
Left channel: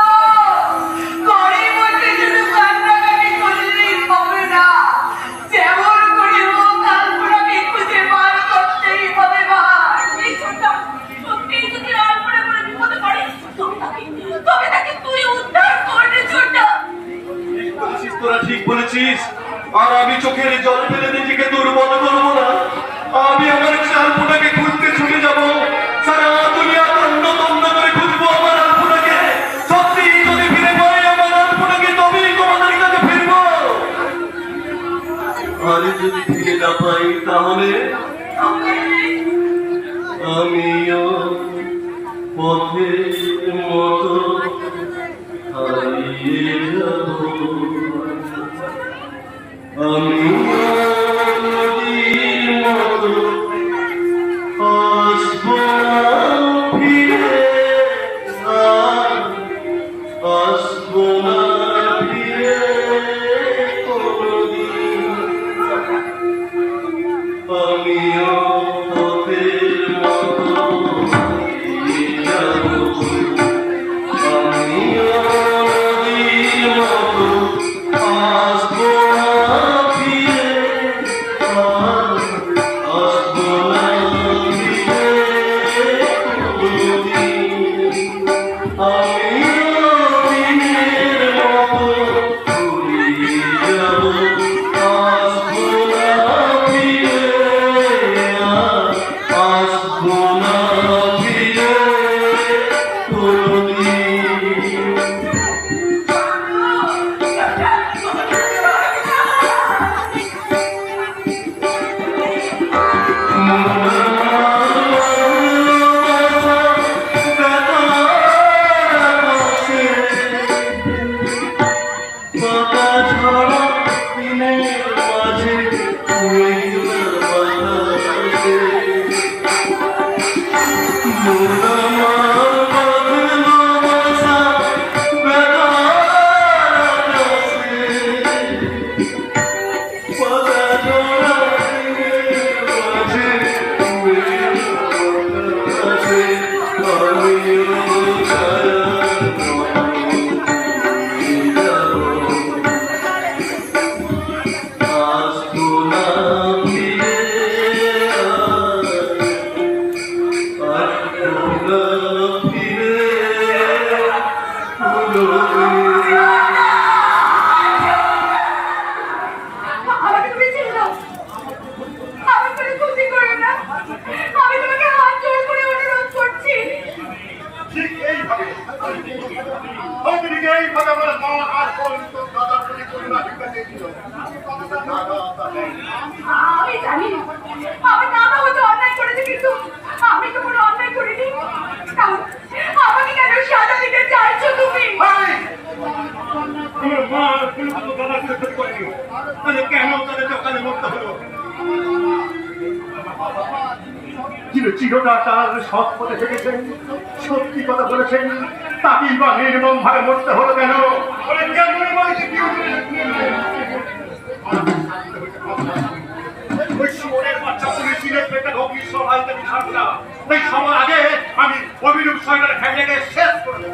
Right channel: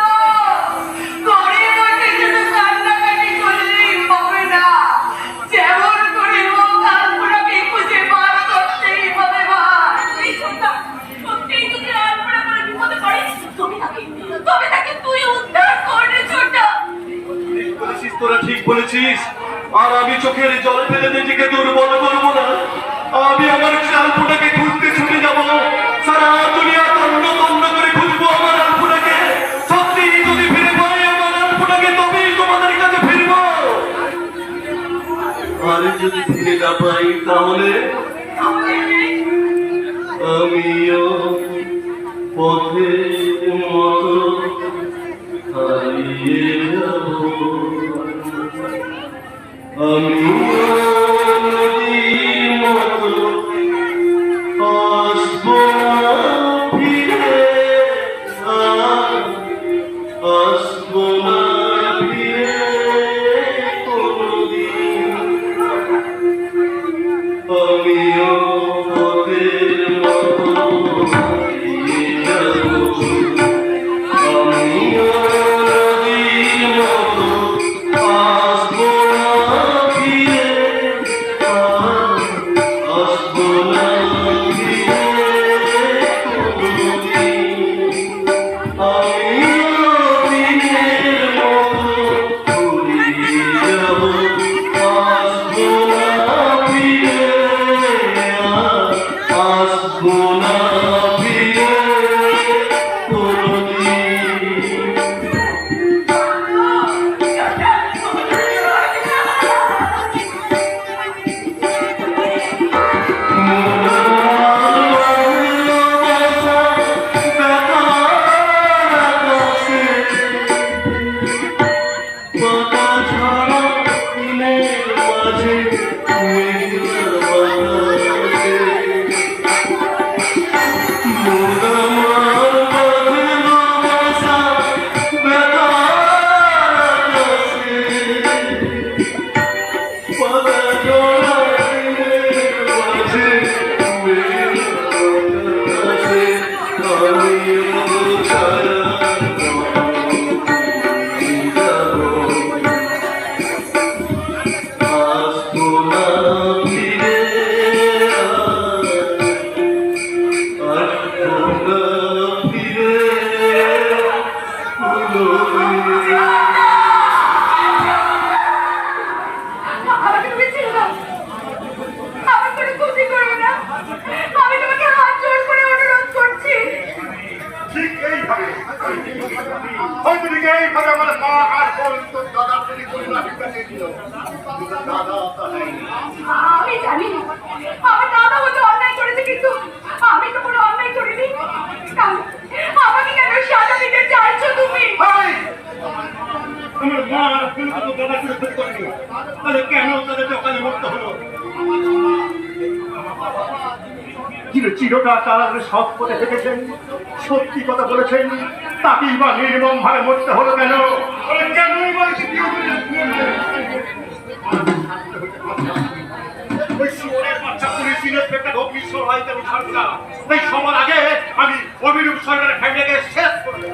ঘরের মধ্যে শুধু কান্নাকাটি করলেই হবে না। যেমন করে হোক আলপনাকে খুঁজে বার করতেই হবে ভাই। এই সত্যিই যদি আলপনা করে বিপদে পড়ে, তবে তাকে তুই উদ্ধার করবি ছোটা। ঠিক বলেছিস, তোরা ঠিক বলেছিস। আর আমি চোখের জল ফেলে নিজেকে দুর্বল করবো না। আমি আমার আলপনাকে খুঁজতে ছুটে যাব। সারা দুনিয়া তন্ন করে খুঁজবো আমার আলপনাকে। সত্যি যদি ফিরে পাই আমার আলপনাকে, তবেই তোমাদের কাছে ফিরবো। আর যদি ফিরে না পাই, তাহলে আমিও পথের মতো হারিয়ে যাব। আমি নদীর মতো আসবো না ফিরে। না ফিরে কোনদিন। আমাকে তুমি ছেড়ে দাও, আমার কোনো ক্ষতি করবে না, আমি তোমাকে হাত জোড় করে অনুরোধ করছি। ঠিক এইভাবে হয়তো এইভাবে আমার মা আর বোন তোর দাদার প্রতি করুণা ভিক্ষা চেয়েছিল। দাদা তা নেই। আমি জানি আমার দাদা হয়তো অন্যায় করেছে, কিন্তু আমি তো কোনো অন্যায় করিনি। তাহলে আমাকে কেন সাজা দিতে চাইছো তুমি? আমার মা আর বোন তো দাদার প্রতি ক্ষতি করেনি, তাহলে কেন তাদের দোকানে মরতে হলো? চিরটা তার সৎ পথে থেকেছেন, সত্যি কথা বলেছেন, তাকেই বা নির্মম ভাবে মরতে হলো কেন? কেনই বা ওই শুয়োরের বাচ্চা পুলিশের পেটে অগ্নি সহায়তা আমি ছাড়ব না। তাই সবার আগে আমি অভিরূপ সরকারের ফ্যামিলিকে শেষ করে দেব।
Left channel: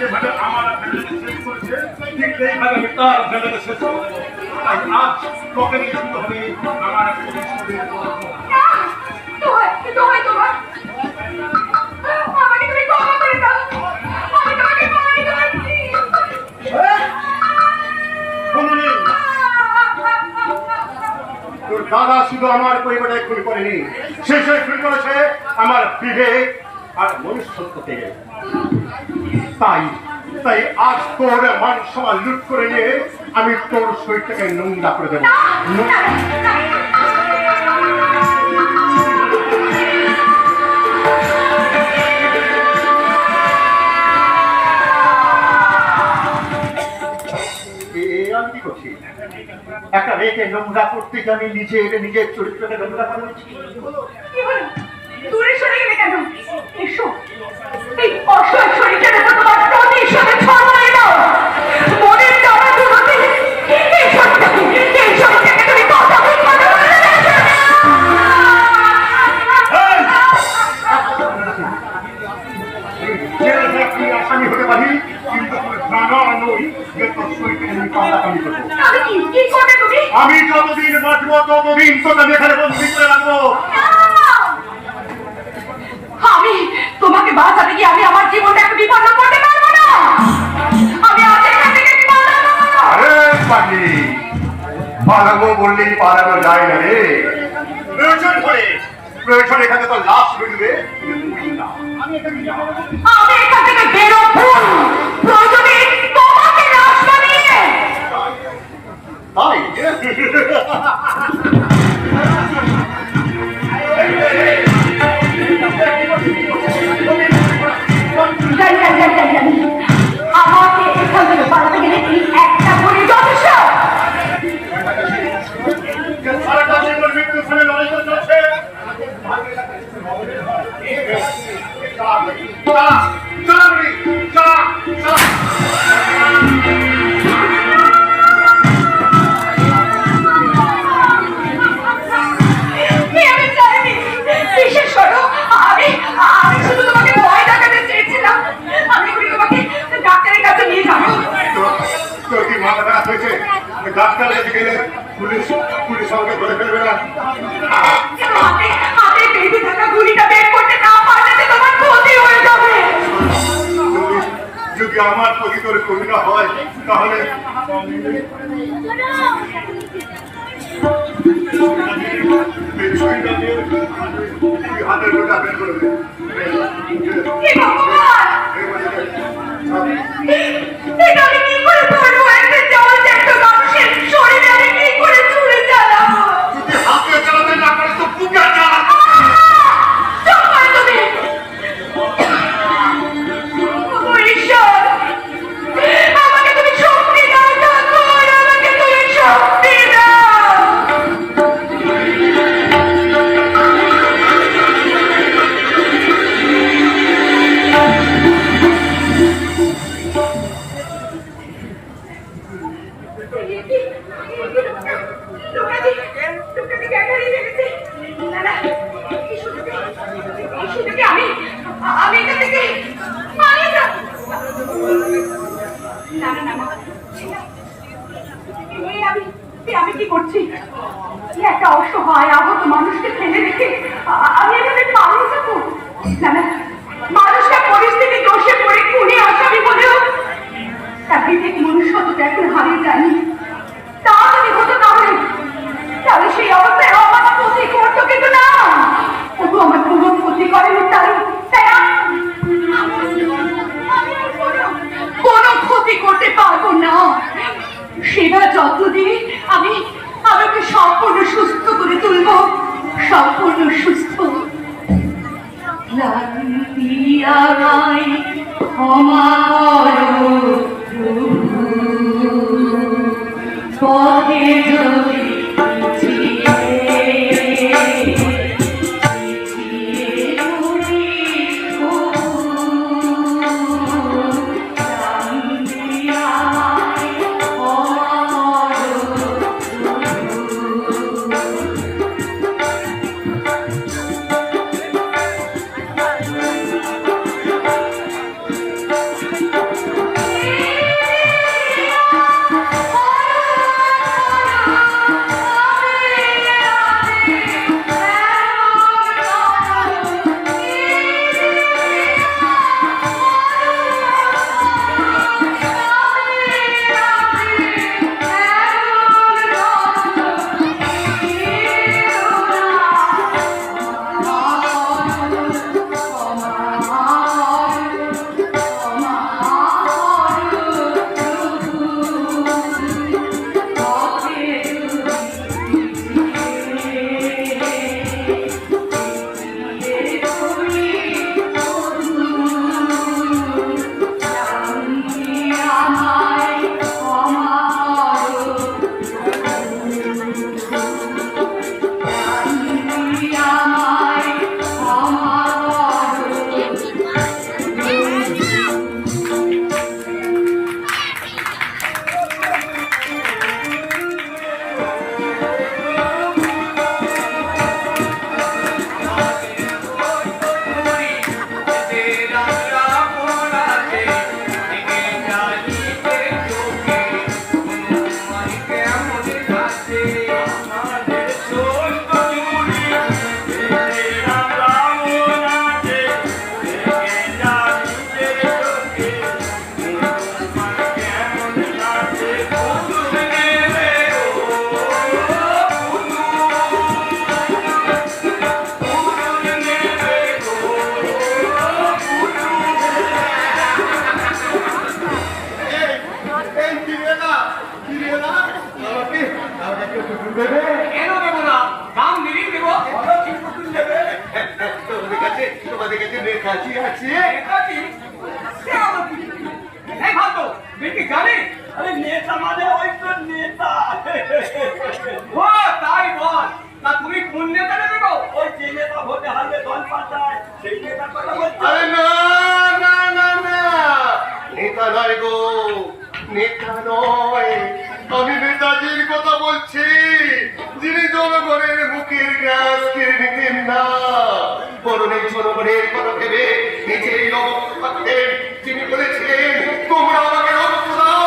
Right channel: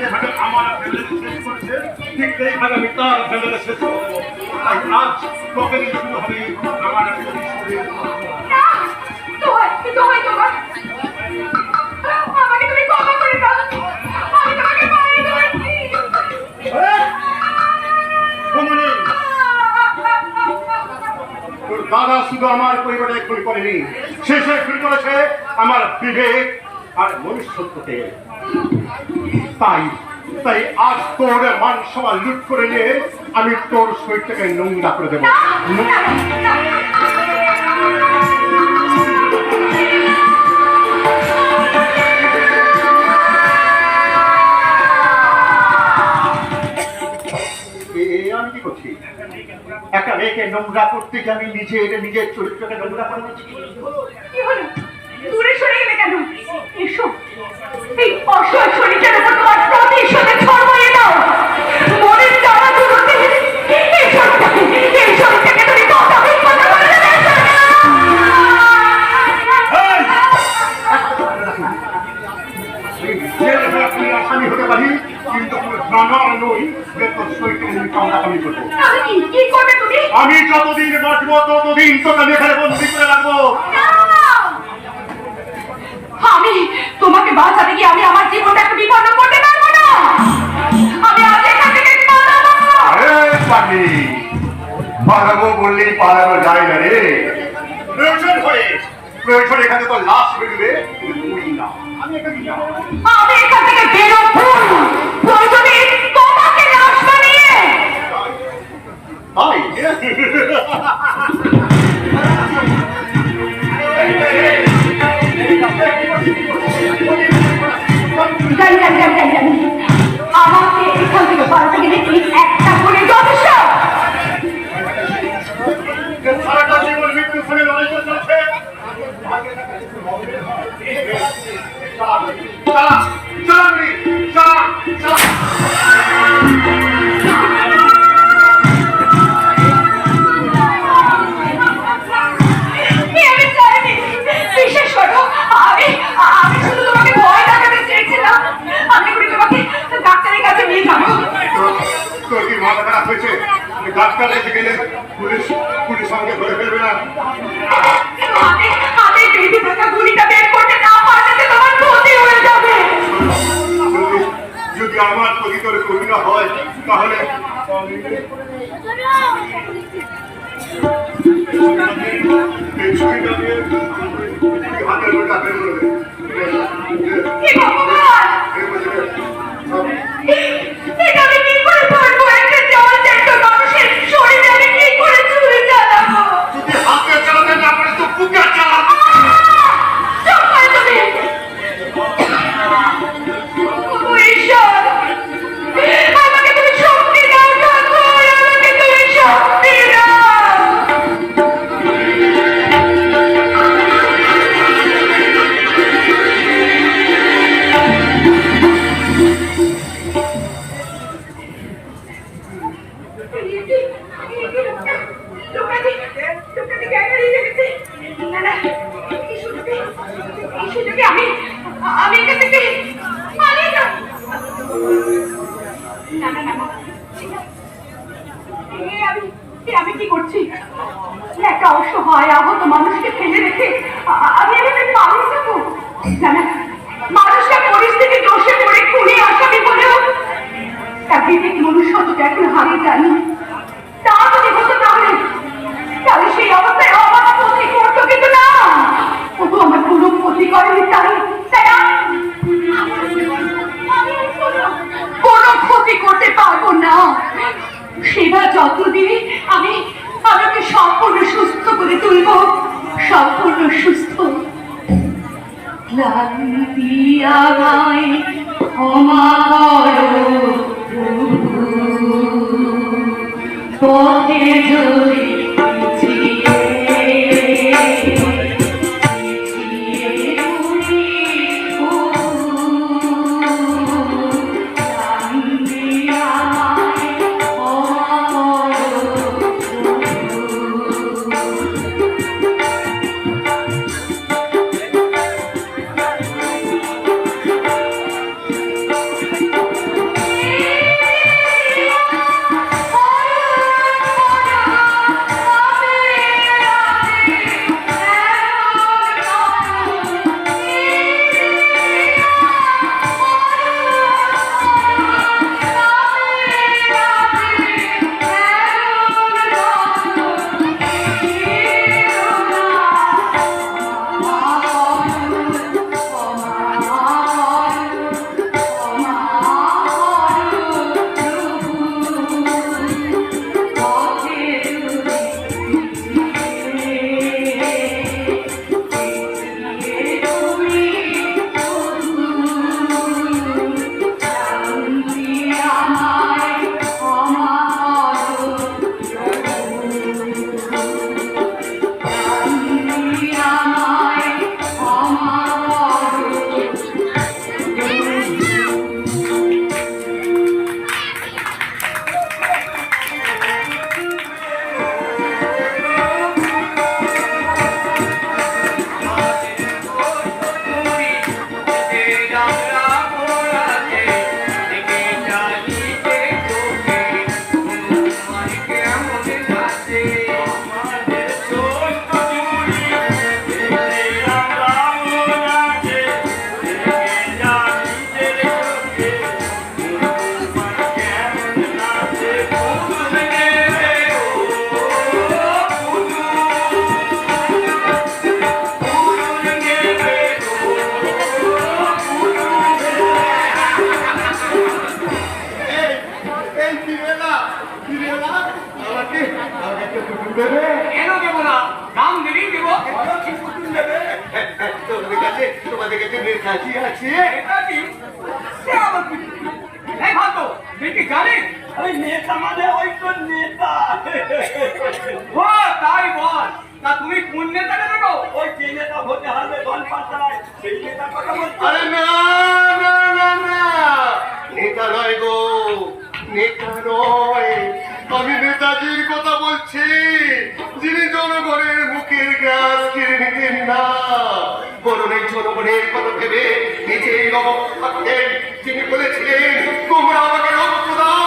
যেভাবে আমার ফ্যামিলিকে শেষ করেছে, ঠিক সেইভাবে আমি তার ফ্যামিলিকে শেষ করে দেবো। তাই আজ তোকে নিয়ে শুরু হবে আমার দোহাই তোমার, আমাকে তুমি ক্ষমা করে দাও, আমি তোমাকে মারি করেছি। তোর দাদা শুধু আমার পরিবারে খুন করেনি, শেষে খুন করেছে আমার বিবেক আর মনুষ্যত্বকে। তাই তাই আজ তোর মান সম্মান লুট করে নিয়ে আমি তোর শরীরটাকে নোংরা করে দেবো। আমি কি করছি? একটা মেয়েকে নোংরা করতে গিয়ে আমি নিজের চরিত্রকে নোংরা করে দিচ্ছি। কি হলো? দূরে সরে গেলে কেন? এসো, এই অসহায় শরীরের উপর তোমার প্রতিশোধে ছড়িয়ে দাও। মনের তাড়াগুলোতে এই শরীরটাকে তুমি কতক্ষণ কথা বলে যাচ্ছ? আসামি হতে পারি, কিন্তু জানা নই যে তোর শরীরকে আমি কামড়াকামি করবো। কি করবে তুমি? আমি যতদিন বাঁচবো ততদিন তোকে আমি এখানে বন্দি করে রাখবো। আমি তোমাকে বাঁচাতে গিয়ে আমি আমার জীবনটাকে বিপন্ন করতে পারবো না। আমি আজ এখান থেকে পালাবো। আরে পাগলি, পালাবো বললেই পালানো যায় না রে। প্রয়োজন এখানে তো লাশ বেরোবে, তুই না, আমি এখানে যাবো। আমি এখান থেকে বেরোবো, প্রয়োজনে তোমাকে লাশ বানিয়ে। তাই আমাকে এখান থেকে পালাতে গেলে এই একটা বলে যথেষ্ট। সারাটা জীবন মৃত্যুর সঙ্গে লড়াই করে চলেছে। আমি চাইনি, বিশেষ করো আমি শুধু তোমাকে ভয় দেখাতে চেয়েছিলাম। আমি তোমাকে ডাক্তারের কাছে নিয়ে যাবো। তোর কি মাথা খারাপ হয়েছে? ডাক্তারের কাছে গেলে পুলিশ আমাকে ধরে ফেলবে না? হাতে বেঁধে থাকা গুলিটা বের করতে না পারলে তোমার ক্ষতি হয়ে যাবে। যদি আমার প্রতি তোর করুণা হয়, তাহলে ছুরিটা দিয়ে আমার হাতের ওটা বের করে দে। হে ভগবান! এটা আমি কি করে করবো? একটা জলজ্যান্ত মানুষের শরীরে আমি কি করে ছুরি চালাবো? যদি হাতে চালাতে না পারিস তো বুকে চালা। চুপ কর তুমি! ও ঈশ্বর! আমাকে তুমি শক্তি দাও ঠাকুর! আমাকে তুমি শক্তি দাও! আমি এখান থেকে পালিয়ে যাব। না না না না, আমি কি করছি? একটা অসহায় আহত মানুষকে ফেলে রেখে আমি এভাবে পালিয়ে যাবো? না না, মানুষটা পরিস্থিতি দোষে পড়ে খুনি আসামি বলেও তার বিবেক মনুষ্যত্বটা এখন হারিয়ে যায়নি। তা যদি হতো তাহলে সেই অবস্থায় আমার ক্ষতি করতো, কিন্তু না, ও তো আমার কোনো ক্ষতি করেনি। তাই আমি কোনো ক্ষতি করতে পারবো না। সেবা যত্ন দিয়ে আমি আমাকে সম্পূর্ণ সুস্থ করে তুলব, সম্পূর্ণ সুস্থ। ক্লান্তি আমায় ক্ষমা করো পথে যদি তোমাদের কাছে কাছে আছে নেতা মানে ওই তো নেতা। ও তাই বল, তা তুমি কোন নেতা দেবো? ওই যে নেতা ভোটে হারলে দল পাঠায় সেই নেতার কথা বলছো? আরে না না না না, নেতা নয় গো, নেতা নয়, আমি নেতাজির কথা বলছি, যিনি জনগণের মুখের গ্রাস কেড়ে নিতেন না, বরণের জনগণের কথা ভেবে নিজের অবস্থা থাকতেন, যিনি বলেছিলেন তোমরা আমাকে রক্ত দাও,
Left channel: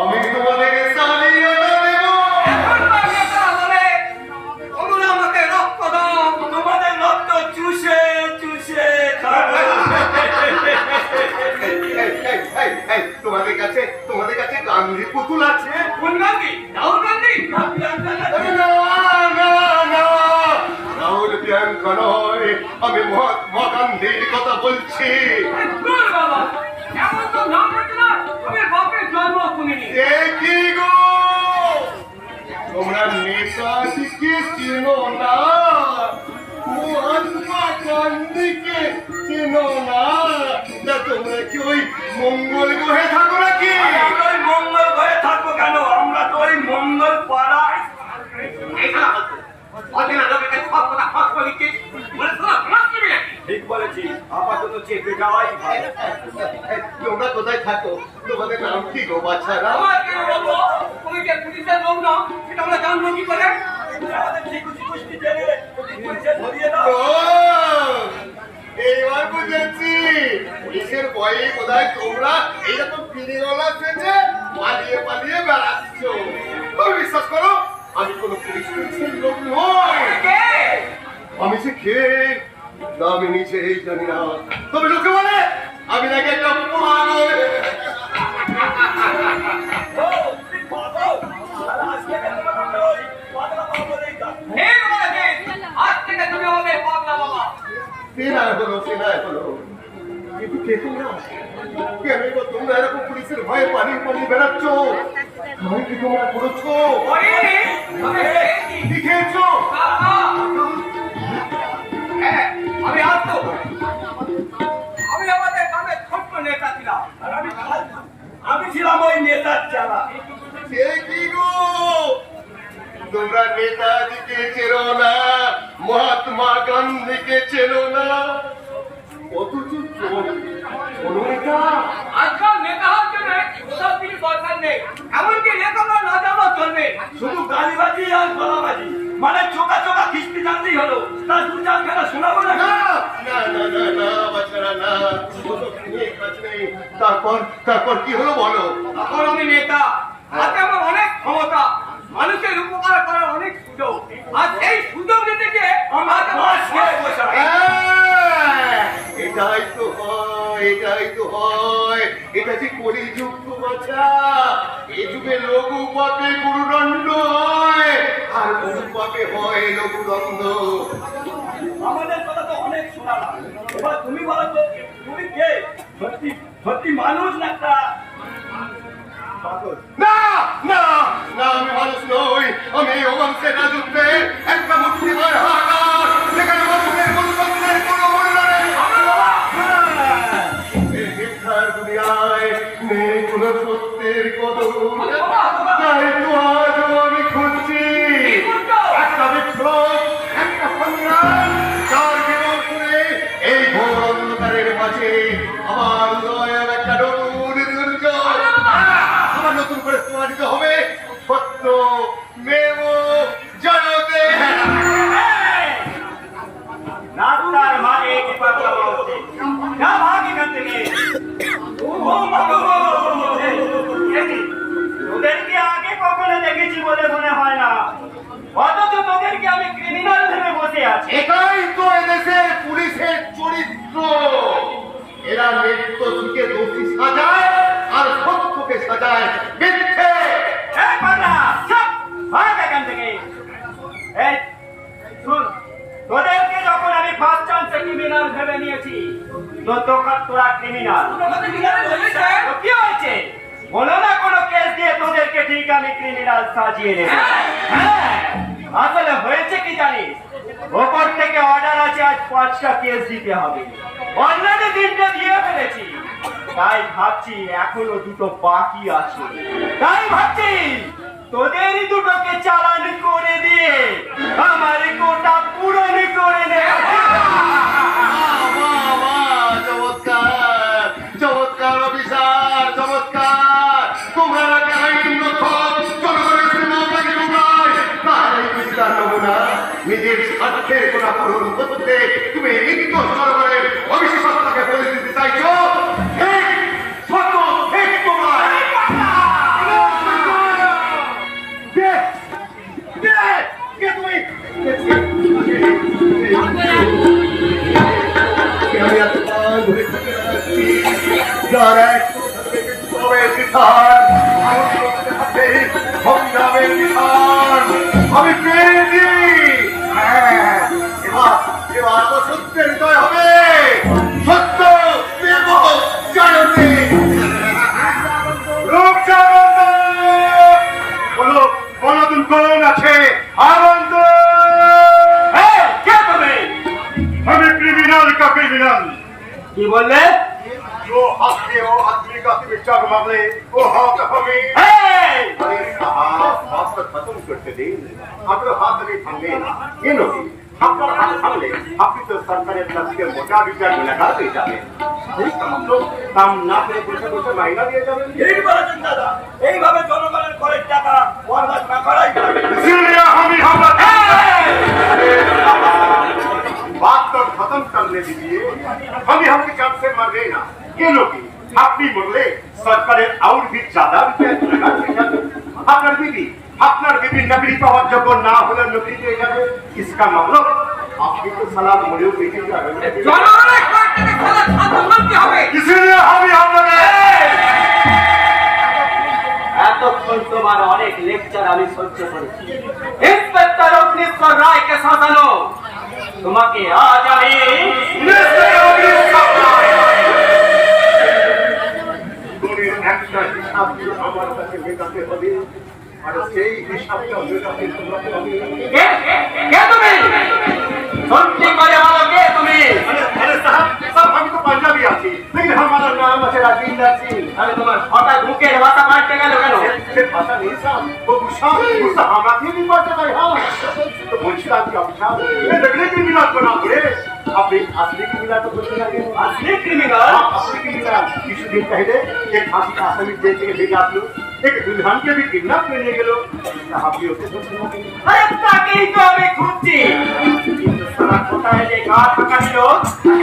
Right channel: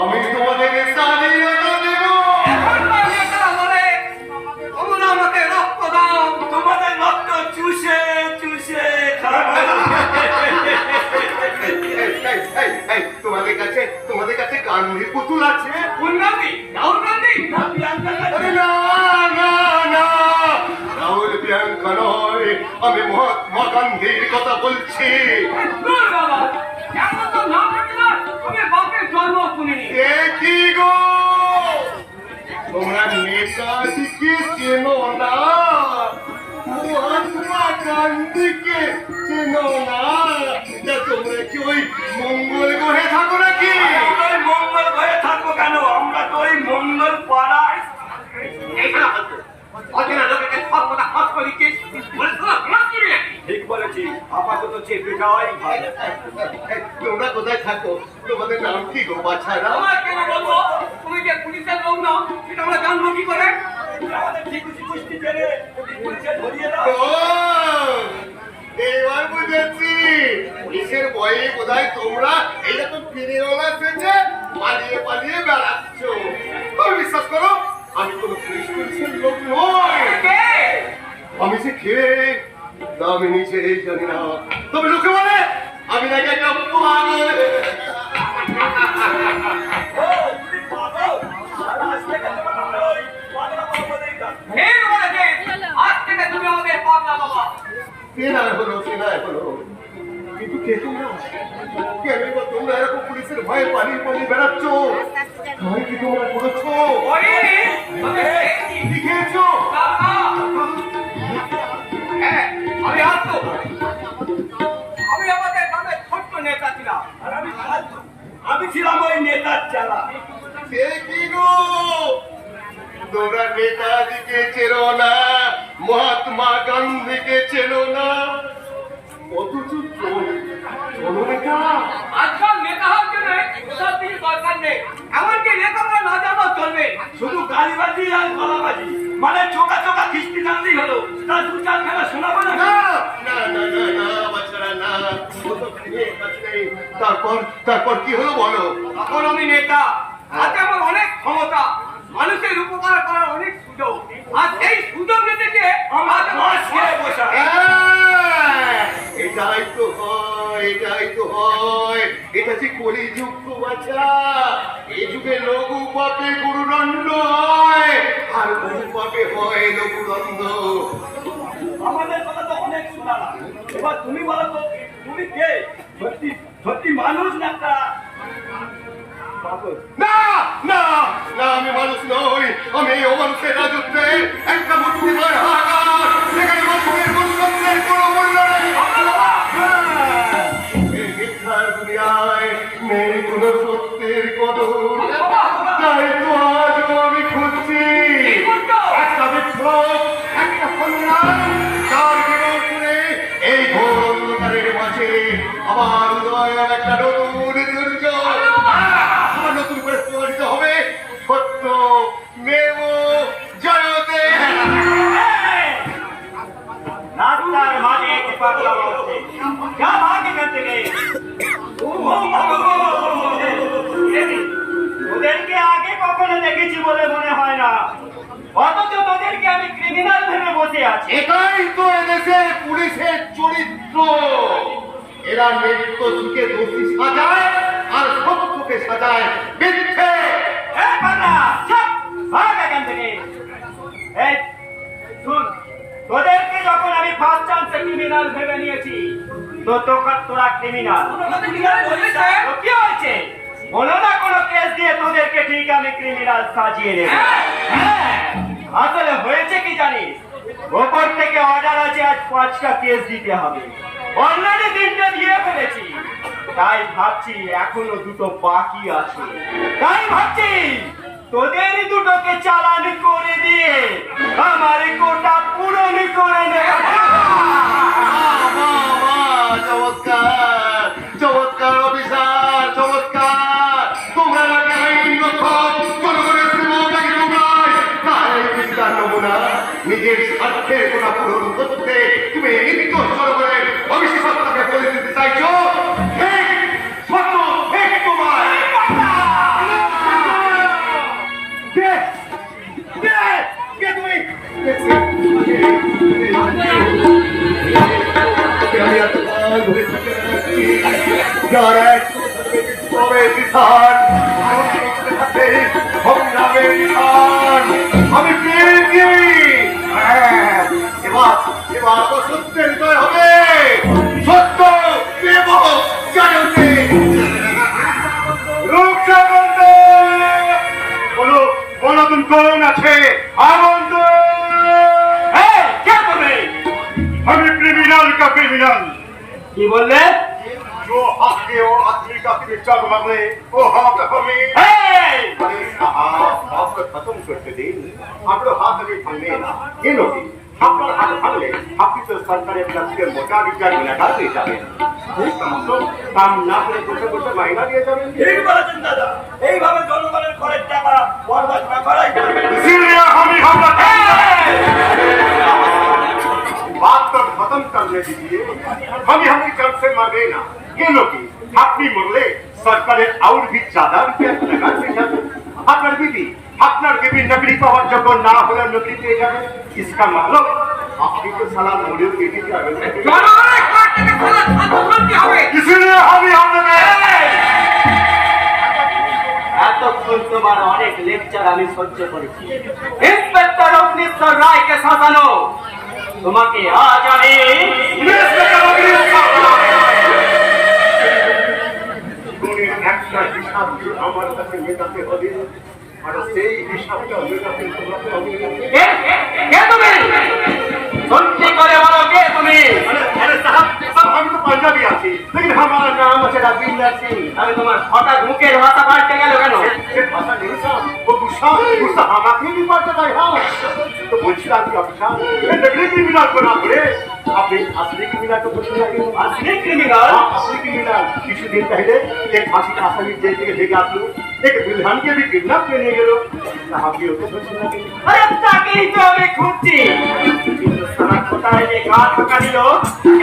আমি তোমাদের স্বাধীনতা দেব। এখনকার নেতারা বলে তোমরা আমাকে রক্ত দাও, তোমাদের রক্ত চুষে চুষে খাবো। তোমাদের কাছে গান্ধীর পুতুল আছে? কোন গান্ধী? রাহুল গান্ধী? আরে না না না, প্রিয়াঙ্কা নয়, আমি মহাত্মা গান্ধীর কথা বলছি। বাবা এমন তো নাম রাখতে না, আমি বাপের জন্ম শুনিনি। এ কি গো, তোমরা নেতাজিকে চেনো না, মহাত্মা গান্ধীকে চেনো না? তা তোমরা কি ওই মঙ্গল গ্রহে থাকো নাকি? আমরা ওই মঙ্গল ঘরে থাকবো কেন? আমরা তো ওই মঙ্গল পাড়ায়। ঠিক বলেছি, আপাতত চেপে যাওয়াই ভালো। তোমরা কোথায় থাকো? তোমাদের নাম কি গো বাছারা? আমার কেন বলবো? তুমি যে পুলিশের লোক নাও, এটা আমরা জানবো কি করে? আমাদের ঠিকুচি কুস্তি জেনে পুলিশে ধরিয়ে দাও। ও, এইবার বুঝেছি, পুলিশের ভয়ে বোধহয় তোমরা এইরকম ফিরেওয়ালা সেজে পালিয়ে পালিয়ে বেড়াচ্ছ। তুমি বিশ্বাস করো, আমি কোনো পুলিশের লোক নই। কে? আমি যে খেয়ে তা আমি নিজেই জানি না, তবে লোকে বলে আমি নাকি একটা পাগল। ও, তুমি পাগল? তাহলে আজ থেকে তোমাকে ওই পাগলা বাবা বলেই ডাকবো। হে বলেছে, আজ থেকে তুমি আমাদের পাগলা বাবা। সেনায় হলো, কিন্তু কে তোমরা? কেন গো তোমরা এরকম পুলিশের ভয়ে পালিয়ে পালিয়ে বেড়াচ্ছ? ভয় কি তোমরা করেছো? করিনি, তবে খেয়েছি। কি খেয়েছো? কাকা। হ্যাঁ, আমি আসতো। আমি আমাদের গ্রামের ছোট্ট নেতা ছিলাম। আর আমি ছিলাম ওই নেতার চালা। সে কি গো, তোমরা নেতাজিকে চেনো না, মহাত্মা গান্ধীকে চেনো না, অথচ জননেতা আজকাল নেতা হওয়ার জন্য ওসব কিছু দরকার নেই। এমনকি নেতারা না জানো চলবে। শুধু গালিবাজি আর গলাবাজি, মানে চোখা চোখা কিস্তি জানতেই হলো। তার দু চার খেলা শোনাবো না। না না না না না বাচ্চারা না, ওসব নিয়ে কাজ নেই। তারপর কি হলো বলো? এখন আমি নেতা, হাতে আমার অনেক ক্ষমতা, মানুষের উপকার করার অনেক সুযোগ। আর সেই সুযোগ নিতে গিয়ে আমার দশ খেয়ে বসায়। এটাই তো হয়, এটা যে কলিযুগ গো বাছা। এই যুগে লঘু পাপে গুরুদণ্ড হয়, আর গুরু পাপে হয় লঘুদণ্ড। আমাদের কথা তো অনেক শোনালাম, এবার তুমি বলো তো, তুমি কে? সত্যি মানুষ না একটা পাগল? না না না, আমি মানুষ নই, আমি অমানুষের রাজত্বে একটা মূর্তিমান হাহাকার, যেখানে মানুষের মনুষ্যত্বের কোনো মূল্য নেই। এই মিথ্যার দুনিয়ায় নেই কোনো সত্যের কদর, তাই তো আজও আমি খুঁজছি একটা বিপ্লব, একটা সংগ্রাম, যার কেবল করে এই ঘোর অন্ধকারের মাঝে আমার উদয়ের একটা নতুন দুর্যোগ আবার নতুন করে প্রমাণিত হবে। সত্য মেব জয়তে। রাস্তার মাঝে কি পাগলা বলছে? যা ভাগ এখান থেকে। ওদেরকে আগে কখনো দেখেছি বলে মনে হয় না, অথচ তোদেরকে আমি ক্রিমিনাল ভেবে বসে আছি। এটাই তো এদেশের পুলিশের চরিত্র। এরা নৃত্য যুগে দোষী সাজায় আর সত্যকে সাজায় মিথ্যে। এই পাগলা, চুপ! ভাগ এখান থেকে। এই শুন, তোদেরকে যখন আমি ফার্স্ট চান্সে ক্রিমিনাল ভেবে নিয়েছি, তো তোরা ক্রিমিনাল। কি হয়েছে? বলো না কোনো কেস দিয়ে তোদেরকে ঠিক আমি ক্রিমিনাল সাজিয়ে নেব। হ্যাঁ, আসলে হয়েছে কি জানিস, ওপর থেকে অর্ডার আছে আজ 5টা কেস দিতে হবে। অলরেডি 3টে দিয়ে ফেলেছি, তাই ভাবছি এখনো 2টো বাকি আছে। তাই ভাবছি তোদেরই 2টোকে চালান করে দিয়ে আমার কোটা পূরণ করে নে। চমৎকার চমৎকার অফিসার, চমৎকার। তোমরা নাকি আইন রক্ষক, জনগণের সেবকারী তোমরাই। তাই বিচার নমুনা নিজের স্বার্থের কোটা পূরণ করতে তুমি নির্দোষ জনগণের অবিশ্বাসটাকে বলে দিতে চাইছো। ঠিক, সত্য, ঠিক তোমার। কে? কে? কে তুমি? আমি এতক্ষণ ধরে থেকে বেড়াচ্ছি, যার এক তবে বিধান, ভারতবর্ষে থাকে সংগ্রামের বিধান। আমি পেয়েছি। হ্যাঁ, এবার এবার তো সত্যের বিজয় হবে। সত্য দেব জয়তে। রূপসামন্ত বলো, বলতুন কোন আছে? আগন্ত। আমি ক্রিমিনাল का क्रिमिनल। কি বললে? जो हक के हो आदमी का पिक्चर मरले वो हक हमें। अरे साहब आप खत्म करते दिन आपरो हाथ में भांगे ना ये लो আপনার হাত ভাঙলে আপনি তো সরকারের কাছ থেকে মোটা বিচার গুণাগার হয়ে যাবেন। ঠিক তো কাম না করে বসে বসে মাইনা দিয়ে যাবেন। ঠিক বলেছেন দাদা, এইভাবে জনগণের করের টাকা বরবাদ না করাই ভালো। इसीलिए हम ही हमला बात तो खत्म करने दीजिए। हम हमें चांस से मर गए ना ये लोग আপনি মরলে সরকারের আউর भी ज्यादा रुपया गुनागार হয়ে যাবে। আপনার বিবি नौकरी पाওয়ার যোগ্য না হলে नौकरी পেয়ে যাবে। इसका मतलब আপনি তো সালা মরেও বেঁচে যাবেন। জনগণের কর টাকা ফেলে খাদ্য বলতে হবে। इसीलिए हम ही हमला এতক্ষণ তোমার অনেক লেকচার আমি সহ্য করেছি। ইন্সপেক্টর অগ্নিশ্বর রায়কে শাসানো তোমাকে আজ আমি একটা হিসাব আমার কাছে মেটাতে হবে আর সেই হিসাবটা মেটাতে তোমাকে হবে। কে তুমি? সত্যি করে বলো কে তুমি? अरे साहब हम तो पंजाबी आती लेकिन हमारा नाम है राजिंदर सिंह। আমি তোমার হঠাৎ মুখের ভাষা পাল্টে গেল কেন? ये भाषा नहीं साहब वो गुस्सा हमारे भी पड़ता है। हाँ तो बोलছিলাম কি অফিসার ये नकली क्रिमिनल को ना बोले আপনি असली क्रिमिनल को बोलते हैं। असली क्रिमिनल? हाँ असली क्रिमिनल কিছুদিন पहले एक फांसी का आसामी जेल থেকে ভেগে আসলো एक दुल्हन के भी किडनैप করে নিয়ে গেল। साहब भी ওকে ধরছেন না কেন? আরে তাকেই তো আমি খুঁজছি। কিন্তু সারা কোথায় যে গা ফাঁকা দিল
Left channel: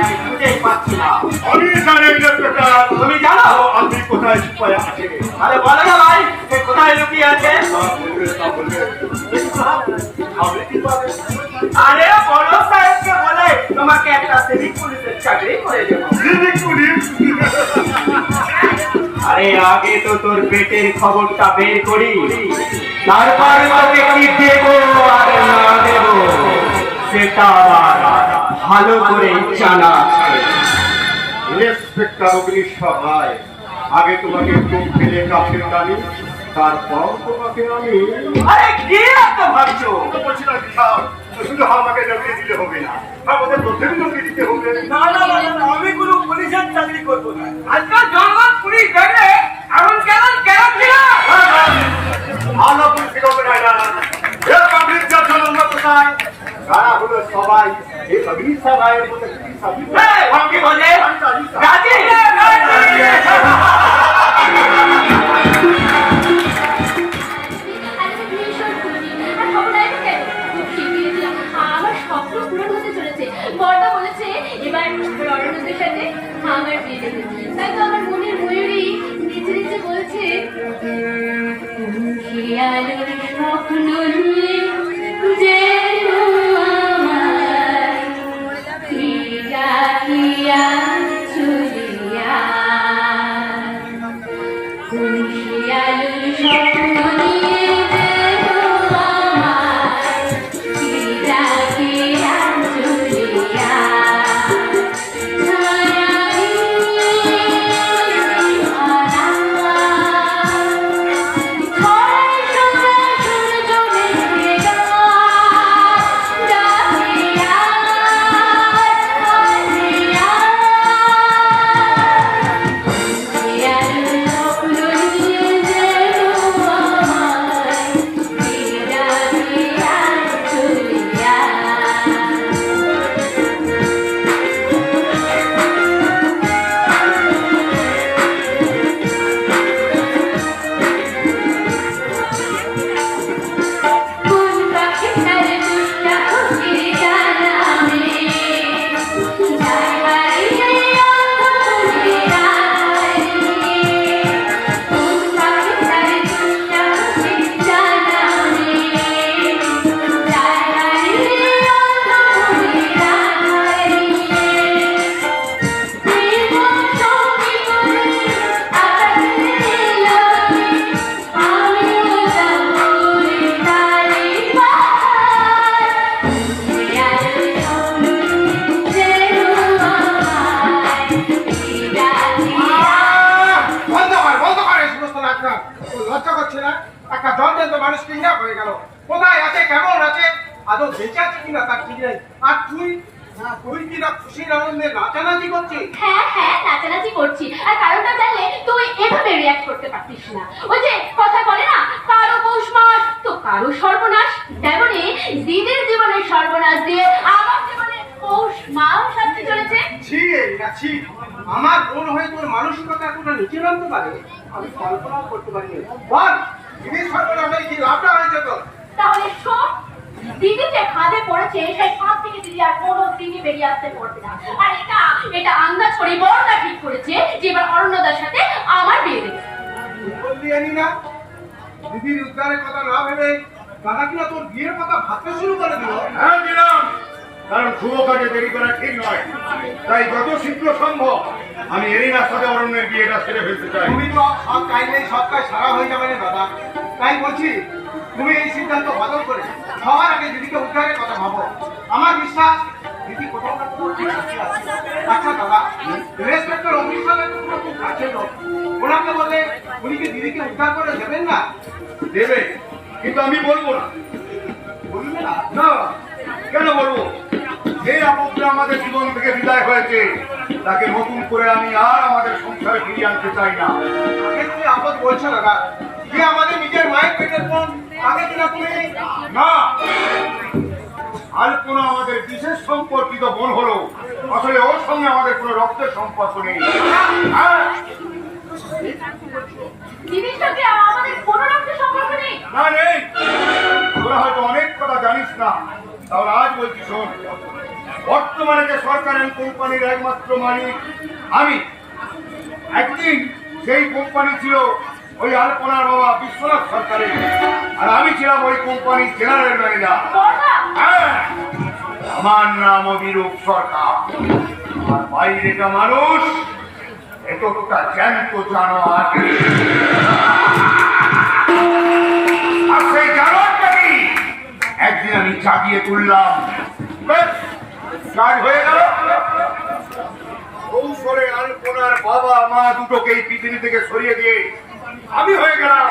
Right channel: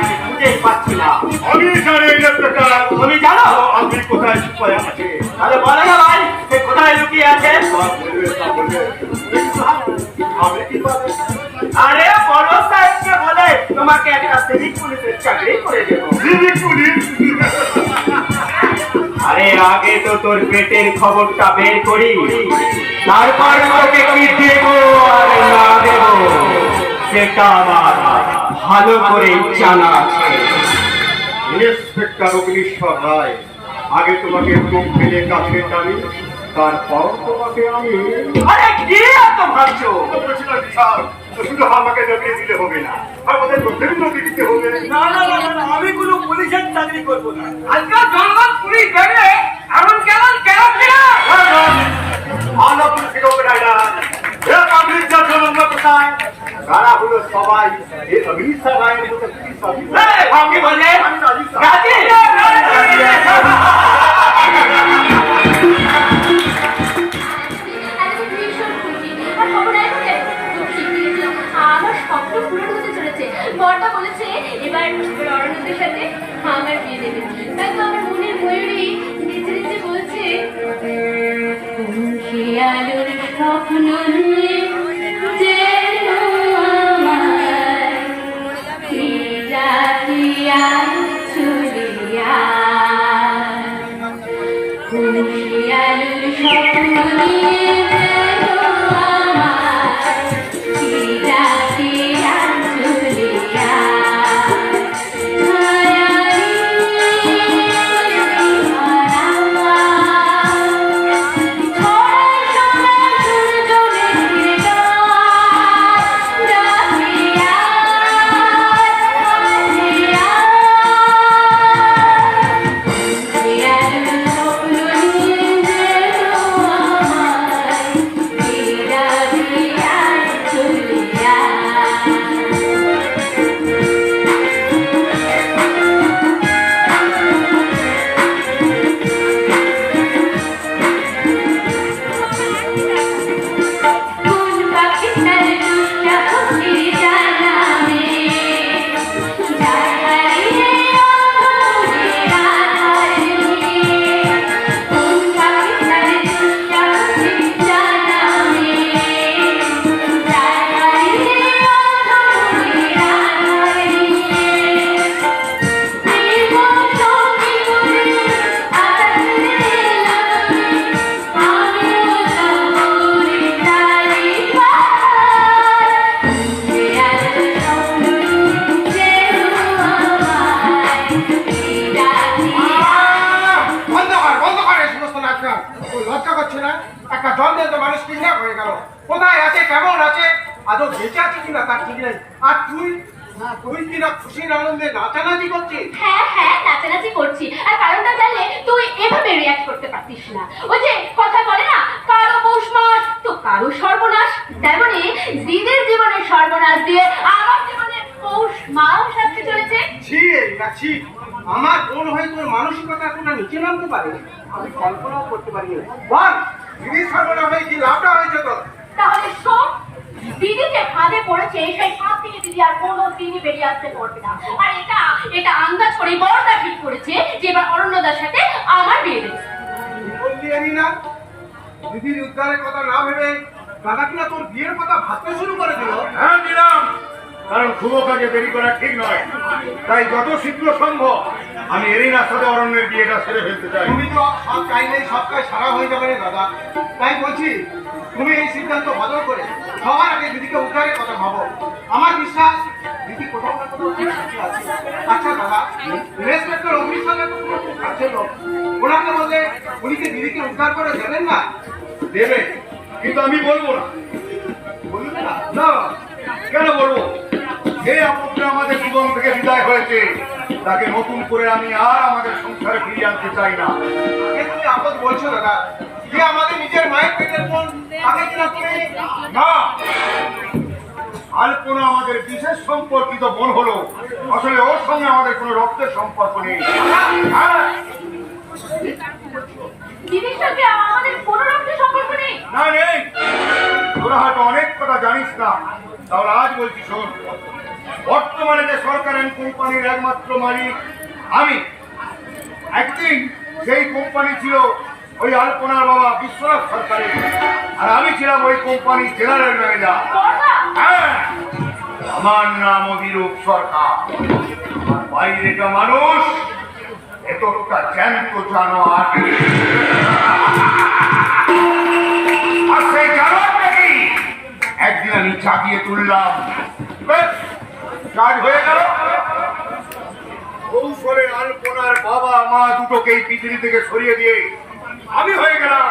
আমি খুঁজে পাচ্ছি না। আমি জানি ইন্সপেক্টর তুমি জানো? আপনি কোথায় ছুপায় আছে। আরে বলো না ভাই সে কোথায় লুকিয়ে আছে? আপনি কি পাবেন? আরে বড় সাহেবকে বলে তোমাকে একটা সিভিক পুলিশের চাকরি করে দেবো। Civic police? আরে আগে তো তোর পেটের খবরটা বের করি, তারপর তোকে কি দেবো আর না দেবো সেটা আমার ভালো করে জানা আছে। ইন্সপেক্টর অগ্নিশ্বর রায় আগে তোমাকে বুক ফেলে কাছে টানি তারপর তোমাকে আমি আরে কি এত ভাবছো? বলছিলাম সাহেব শুধু আমাকে নকরি দিলে হবে না আমাদের প্রত্যেক নকরি দিতে হবে। না না না না, আমি কোনো পুলিশের চাকরি করবো না। আজকাল জনগণ পুলিশ দেখলে এমন কেমন ছিল? ভালো পুলিশ হবে না এটা পাবলিক যখন আমরা কোথায় তারা হলো সবাই এই অগ্নিশ্বর রায়ের মতো পুলিশ কি বললে? রাজি? আমার স্বপ্ন পূরণ হতে চলেছে। বড়দা বলেছে এবার রণনীতির সাথে আমার বিয়ে দেবে। তাই তো আমার মনের ময়ূরী নিচে নিচে বলছে শিয়ালের স্বপ্ন যে একটা জন্মের তো মানুষ কিডন্যাপ হয়ে গেল, কোথায় আছে, কেমন আছে, আদৌ বেঁচে আছে কিনা তার ঠিক নেই। আর তুই কিনা খুশির আনন্দে নাচানাচি করছিস। হ্যাঁ হ্যাঁ, নাচানাচি করছি। আর কারণটা জানলে তুই এভাবে রিয়াক্ট করতে পারতিস না। ওই যে কথা বলে না, কারো পৌষ মাস তো কারো সর্বনাশ, তেমনি দিদির জীবনের সর্বনাশ দিয়ে আমার জীবনে পৌষ মাস আসতে চলেছে। ছি না ছি, আমার বোন হয়ে তোর মানসিকতা এতটা নিচে নামতে পারে আমি কল্পনাও করতে পারি না। বল দিদির সর্বনাশ হয়ে কি লাভটা হয়েছে তোর? তাহলে শোন, দিদি যে ফাঁদে পড়েছে সেই ফাঁদ থেকে দিদি আর কোনো দিনই বেরিয়ে আসতে পারবে না। আর এটা আন্দাজ করে বড়টা ঠিক করেছে যে এবার অরণ্যদার সাথে আমার বিয়ে দেবে। বললি জানি না, দিদির উদ্ধারের কথা না ভেবে দাদা কিনা তোর বিয়ের কথা ভাবতে শুরু করে দিল। হ্যাঁ দিলাম, কারণ শুভ কাজে দেরি করা ঠিক নয়। তাই যত শীঘ্র সম্ভব আমি এরিনার সাথে অরণ্যের বিয়েটা সেরে ফেলতে চাই। তুমি তো সব চাইলেই সব কাজ সারা হয়ে যাবে না দাদা, তাই বলছি তুমি এই সিদ্ধান্ত বদল করে সবার আগে দিদিকে উদ্ধারের কথা ভাবো। আমার বিশ্বাস দিদি কোথাও না কোথাও ঠিক আছে। আচ্ছা দাদা, ইন্সপেক্টর অফিস সাহেব তো তোমার খুব কাছের লোক, ওনাকে বললে উনি কি দিদিকে উদ্ধার করে দেবেন না? দেবে, কিন্তু আমি বলবো না। বলবে না? না, কেন বলবো? যে আপদটা আমাদের জীবন থেকে বিদায় হয়েছে তাকে নতুন করে আমি আর আমাদের সংসারে ফিরিয়ে আনতে চাই না। আগে তুমি আপদ বলছো দাদা, যে আমাদের নিজের মায়ের পেটের বোন, তাকে কিনা তুমি না, আলপনা আমাদের বিশেষ সম্পর্কিত বোন হলো, আসলে ওর সঙ্গে আমাদের কোনো রক্তের সম্পর্ক নেই। হ্যাঁ, দিদির সঙ্গে আমাদের কোনো রকমের সম্পর্ক নেই। না নেই। তোরা হয়তো অনেক কথা জানিস না, তাহলে আজ বলছি শোন। বর্তমানে যে সরকারের কোম্পানির একমাত্র মালিক আমি, একদিন সেই কোম্পানি ছিল ওই আলপনার বাবা বিশ্বনাথ সরকারের, আর আমি ছিলাম ওই কোম্পানির জেনারেল ম্যানেজার। বড়দা, হ্যাঁ, আমার নাম অভিরূপ সরকার। আর বাইরেটা মানুষ, এতটা জ্যান্ত জানোয়ার। আর সেই জানোয়ারটা কি একদিন আমি জাগিয়ে তুললাম, ব্যাস, কাজ হয়ে গেল। কৌশলে আলপনার বাবা মা দুটোকেই পৃথিবী থেকে সরিয়ে দিয়ে আমি হয়ে গেলাম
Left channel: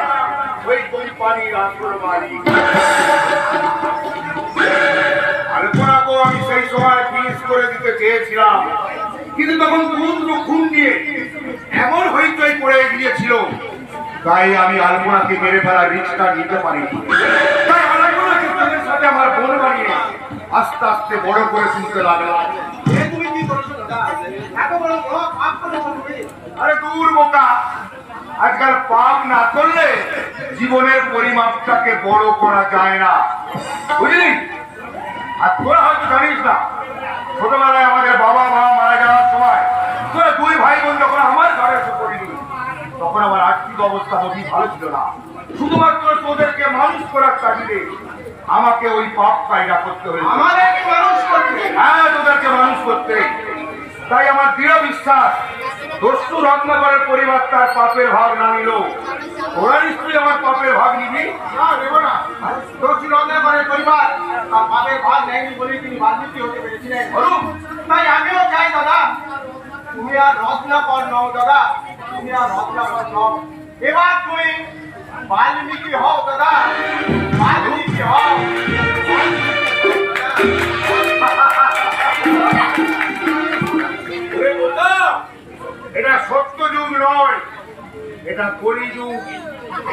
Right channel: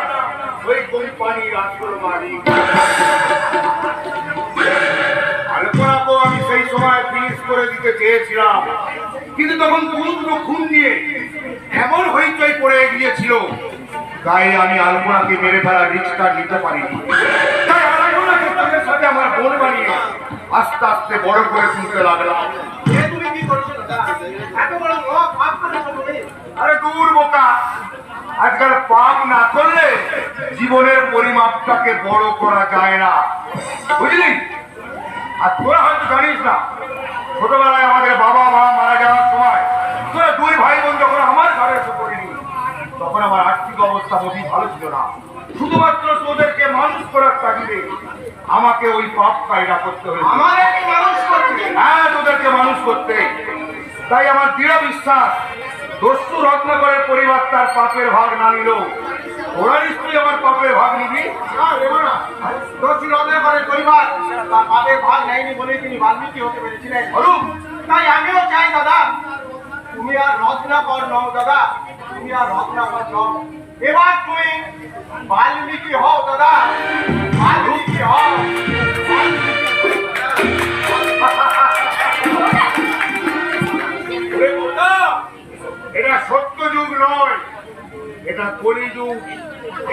ওই কোম্পানির আসল মালিক। আলপনাকেও আমি সেই সময় ফিনিশ করে দিতে চেয়েছিলাম, কিন্তু তখন দুটো খুন নিয়ে এমন হইচই পড়ে গিয়েছিল, তাই আমি আলপনাকে মেরে ফেলার রিস্কটা নিতে পারিনি। তাই আলপনাকে তাদের সাথে আমার বোন বানিয়ে আস্তে আস্তে বড় করে তুলতে লাগলাম। এ তুমি কি করছো দাদা? এত বড় পাপ করেছো তুমি? আরে দূর বোকা, আজকাল পাপ না করলে জীবনের পরিমাপটাকে বড় করা যায় না, বুঝলি? আর তোরা হয়তো জানিস না, ছোটবেলায় আমাদের বাবা মা মারা যাওয়ার সময় তোরা দুই ভাই বোন যখন আমার ঘরে এসে পড়িনি, তখন আমার আর্থিক অবস্থা মোটেই ভালো ছিল না। শুধুমাত্র তোদেরকে মানুষ করার তাগিদে আমাকে ওই পাপ কায়দা করতে হয়েছে। আমার কি মানুষ করছে? হ্যাঁ, তোদেরকে মানুষ করতে। তাই আমার দৃঢ় বিশ্বাস, দস্যু রত্নাকরের পরিবার তার পাপের ভাগ না নিল, ওরা নিশ্চয়ই আমার পাপের ভাগ নিবি। না দেবো না। দোষী রত্নাকরের পরিবার তার পাপের ভাগ নেয়নি বলেই তিনি বাল্মীকি হতে পেরেছিলেন। বলুন, তাই আমিও চাই দাদা, তুমি আর রত্নাকর নও দাদা, তুমি আর রত্নাকর নও, এবার তুমি বাল্মীকি হও দাদা, বাল্মীকি হও। ওরে বোকা, এটা সত্য যুগ নয়, এটা কলিযুগ।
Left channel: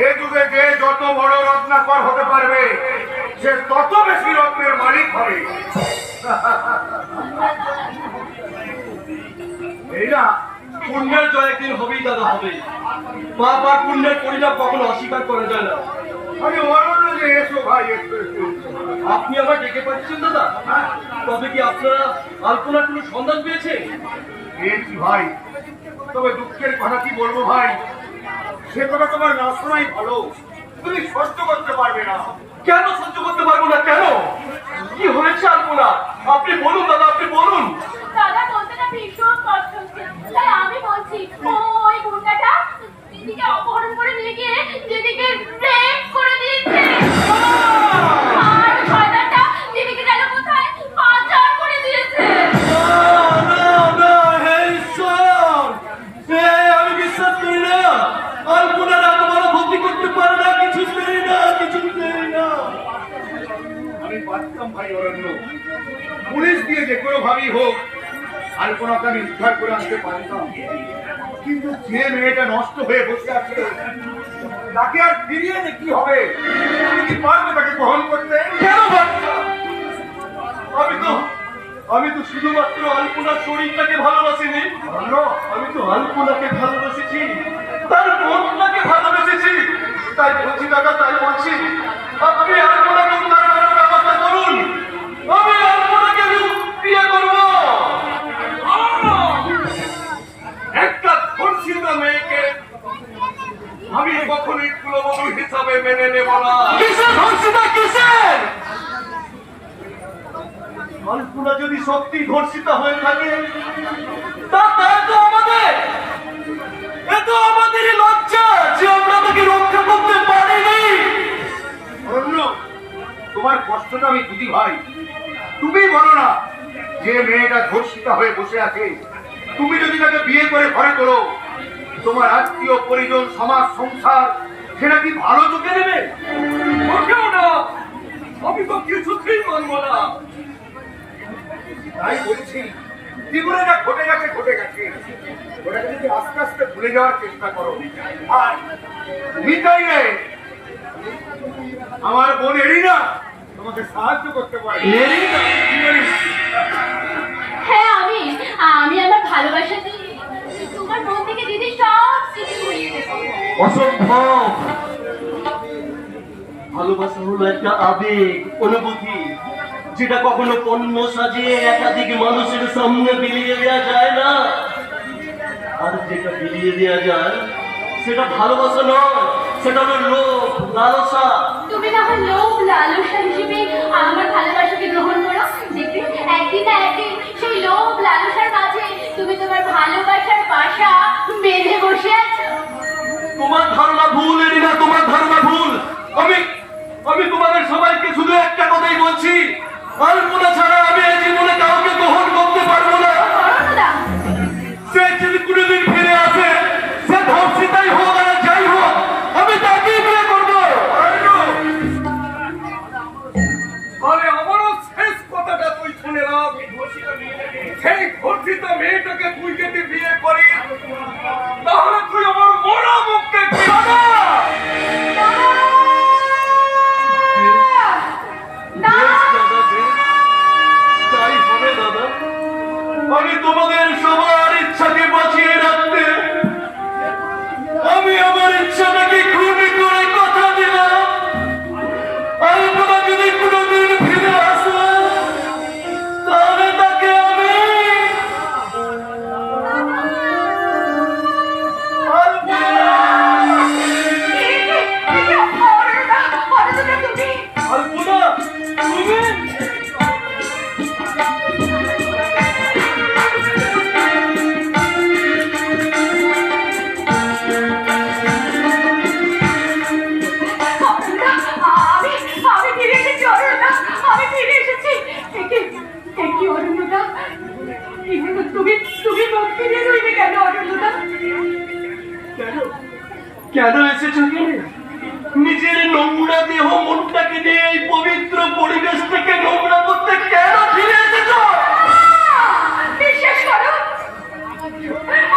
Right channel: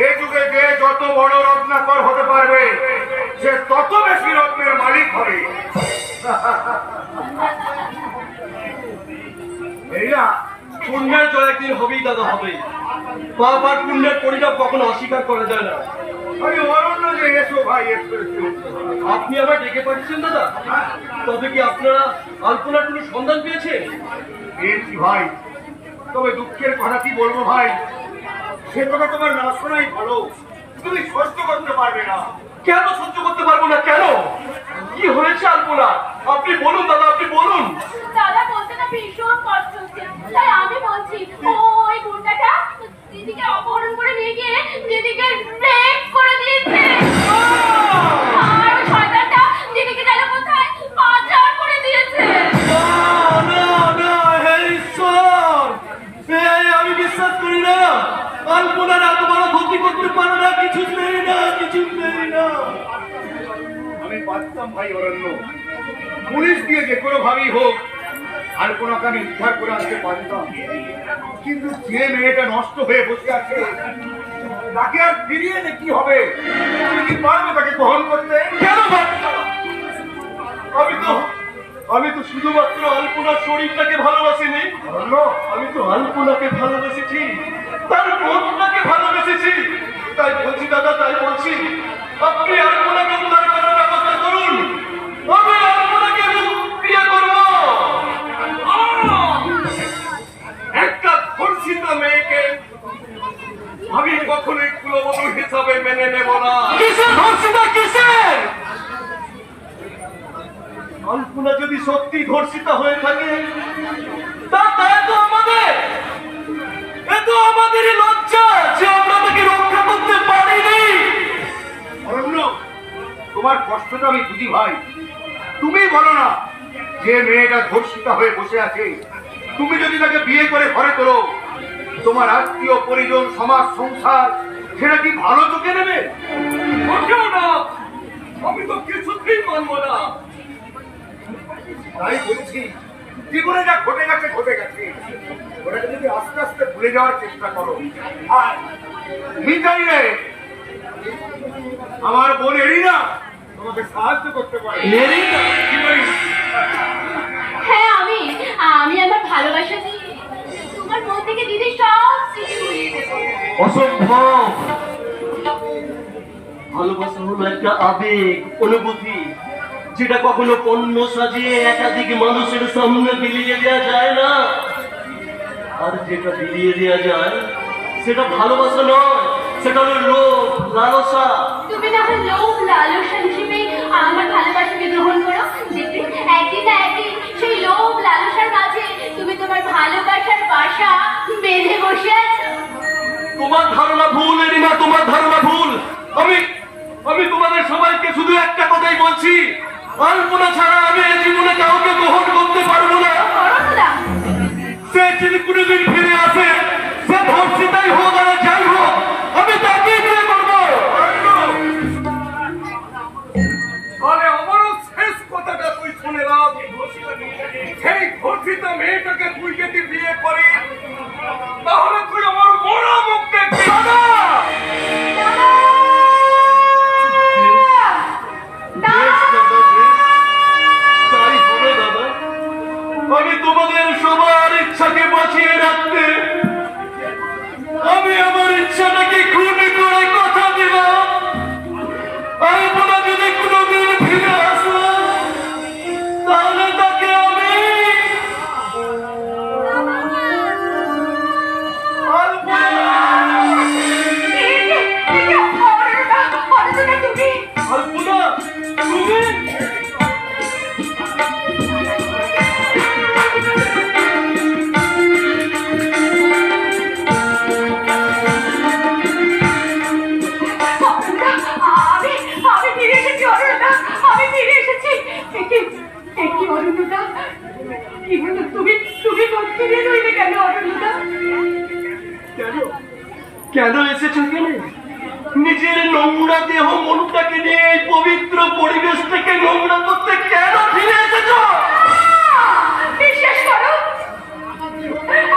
এ যুগে যে যত বড় রত্নাকর হতে পারবে সে তত বেশি রত্নের মালিক হবে। এই না, পুণ্যের জয় একদিন হবেই দাদা, হবেই। পাপ আর পুণ্যের পরিণাম কখনো অস্বীকার করা যায় না। আরে অরণ্য যে এসো ভাই, এসো এসো। আপনি আমায় ডেকে পাঠিয়েছেন দাদা? তবে কি আপনারা আলপনার কোনো সন্ধান পেয়েছেন? পেয়েছি ভাই, তবে দুঃখের কথা কি বলবো ভাই, সে কথা তোমার না শোনাই ভালো। তুমি সহ্য করতে পারবে না। কেন সহ্য করতে পারবো না? কেন? কি হয়েছে আলপনা? আপনি বলুন দাদা, আপনি বলুন। দাদা বলতে না ভীষণ কষ্ট হচ্ছে, তাই আমি বলছি ওই গুন্ডাটা দিদিকে অপহরণ করে নিয়ে গিয়ে দিদিকে রেপ করে দিয়েছে। আর শয়তানটা দিদিকে যেন কোথায় পাচার করে দিয়েছে। হে ঈশ্বর, আমি বিশ্বাস করি না। আলপনার এত বড় ক্ষতি করতে পারে না, কিছু নেই না, কিছুতেই না। আমি পারতাম ভাই অরণ্য, পুলিশ দিয়ে যে কোনো ভাবেই হোক আলপনাকে আমি উদ্ধার করে আনতে পারতাম, কিন্তু যে মেয়েটা নষ্ট হয়ে বসে আছে তাকে আর ফিরিয়ে এনে কি হবে? তুমি কি পারবে তাকে গ্রহণ করতে? কেন পারছো না? আমি তো শুধুমাত্র আলপনার শরীরটাকে ভালোবাসিনি, অরণ্য, আমি তো আলপনাকে ভালোবেসেছি, তার মনটাকে ভালোবেসেছি। তাই বলছি দাদা, তাই বলছি, আপনি আলপনাকে উদ্ধার করার ব্যবস্থা করুন। আমি আলপনাকে বিয়ে করবো। একটা ধর্ষিত মেয়েকে আমি কখনোই কুলবধূ হিসাবে মেনে নেব না। কিসের ধর্ষিতা, কিসের? আলপনা যদি সত্যি ধর্ষিতা হয়ে থাকে তার দায় তো আমাদের। এ তো আমাদেরই লজ্জা যে আমরা তাকে রক্ষা করতে পারিনি। অরণ্য, তোমার কষ্টটা আমি বুঝি ভাই। তুমি বলো না, যে মেয়েটা ধর্ষিতা হয়ে বসে আছে, তুমি যদি তাকে বিয়ে করে ঘরে তোলো, তোমার আত্মীয় পরিজন সমাজ সংসার সেটা কি ভালো চোখে নেবে? মোটেও না, আমি তো কিছুতেই মানবো না। তাই বলছি, জীবনে যা ঘটে গেছে ঘটে গেছে, ওটাকে যদি আস্তে আস্তে ভুলে যাওয়ার চেষ্টা করো। আর তুমি চাইলে আমার বোন এরিনা তোমাকে সাহায্য করতে পারে। এরিনা? হ্যাঁ, আমি আমার ভালোবাসা দিয়ে তোমার মন থেকে দিদি সব স্মৃতি ভুলিয়ে দেবো। অসম্ভব। ভালোবাসা হলো একটা আবেগ, অনুভূতি, যেটা কখনো পণ্য সাজিয়ে একাধিক মানুষের সামনে বিলিয়ে দেওয়া যায় না। আর যেটা বিলিয়ে দেওয়া যায় সেটা ভালোবাসা নয়, সেটা হলো লোভ, লালসা। তুমি না হয় লোভ লালসা হিসেবে আমার ভালোবাসাকে গ্রহণ করো, দেখবে একদিন না একদিন সেই লোভ লালসার মাঝে তুমি তোমার ভালোবাসার বাসা বেঁধে বসে আছো। তোমার ধারণা ভুল এরিনা, তোমার ধারণা ভুল। আমি তোমাদের সবাইকে শুধু একটা কথাই বলছি, আলপনা ছাড়া আমি এই জীবনে কাউকে গ্রহণ করতে পারবো না। অরণ্যদা, সে যদি কোনোদিন ফিরে আসে, সে ধর্ষিতাই হোক আর যাই হোক, আমি তাকেই বিয়ে করবো। আরে আমারও শেষ কথাটা তুই শুনে নাও। সেই ধর্ষিত মেয়েটাকে তুই যদি বিয়ে করিস, তাহলে তুই আমার মরা মুখ দেখবি। বেশ দাদা, বেশ। তাই হবে দাদা। আমি তোমাদের সবার ইচ্ছাকে বাঁচিয়ে রাখতে আমি আমার ইচ্ছাটাকে খুবই করে কথা দিলাম। আলপনা যদি কোনোদিন ফিরে আসো, তাহলে তাকে আমি আলপনা, তুমি আমি ফিরে এসেছি অরণ্যদা, আমি ফিরে এসেছি। একটি অরণ্যদা, কি হলো? তুমি মুখ ফিরে রইলে কেন অরণ্যদা? কেন এসেছো এখানে? নিজের নোংরা দেহ মনটাকে নিয়ে এই পবিত্র পরিবেশ থেকে নোংরা করতে কেন ফিরে এসেছো? বিশ্বাস করো,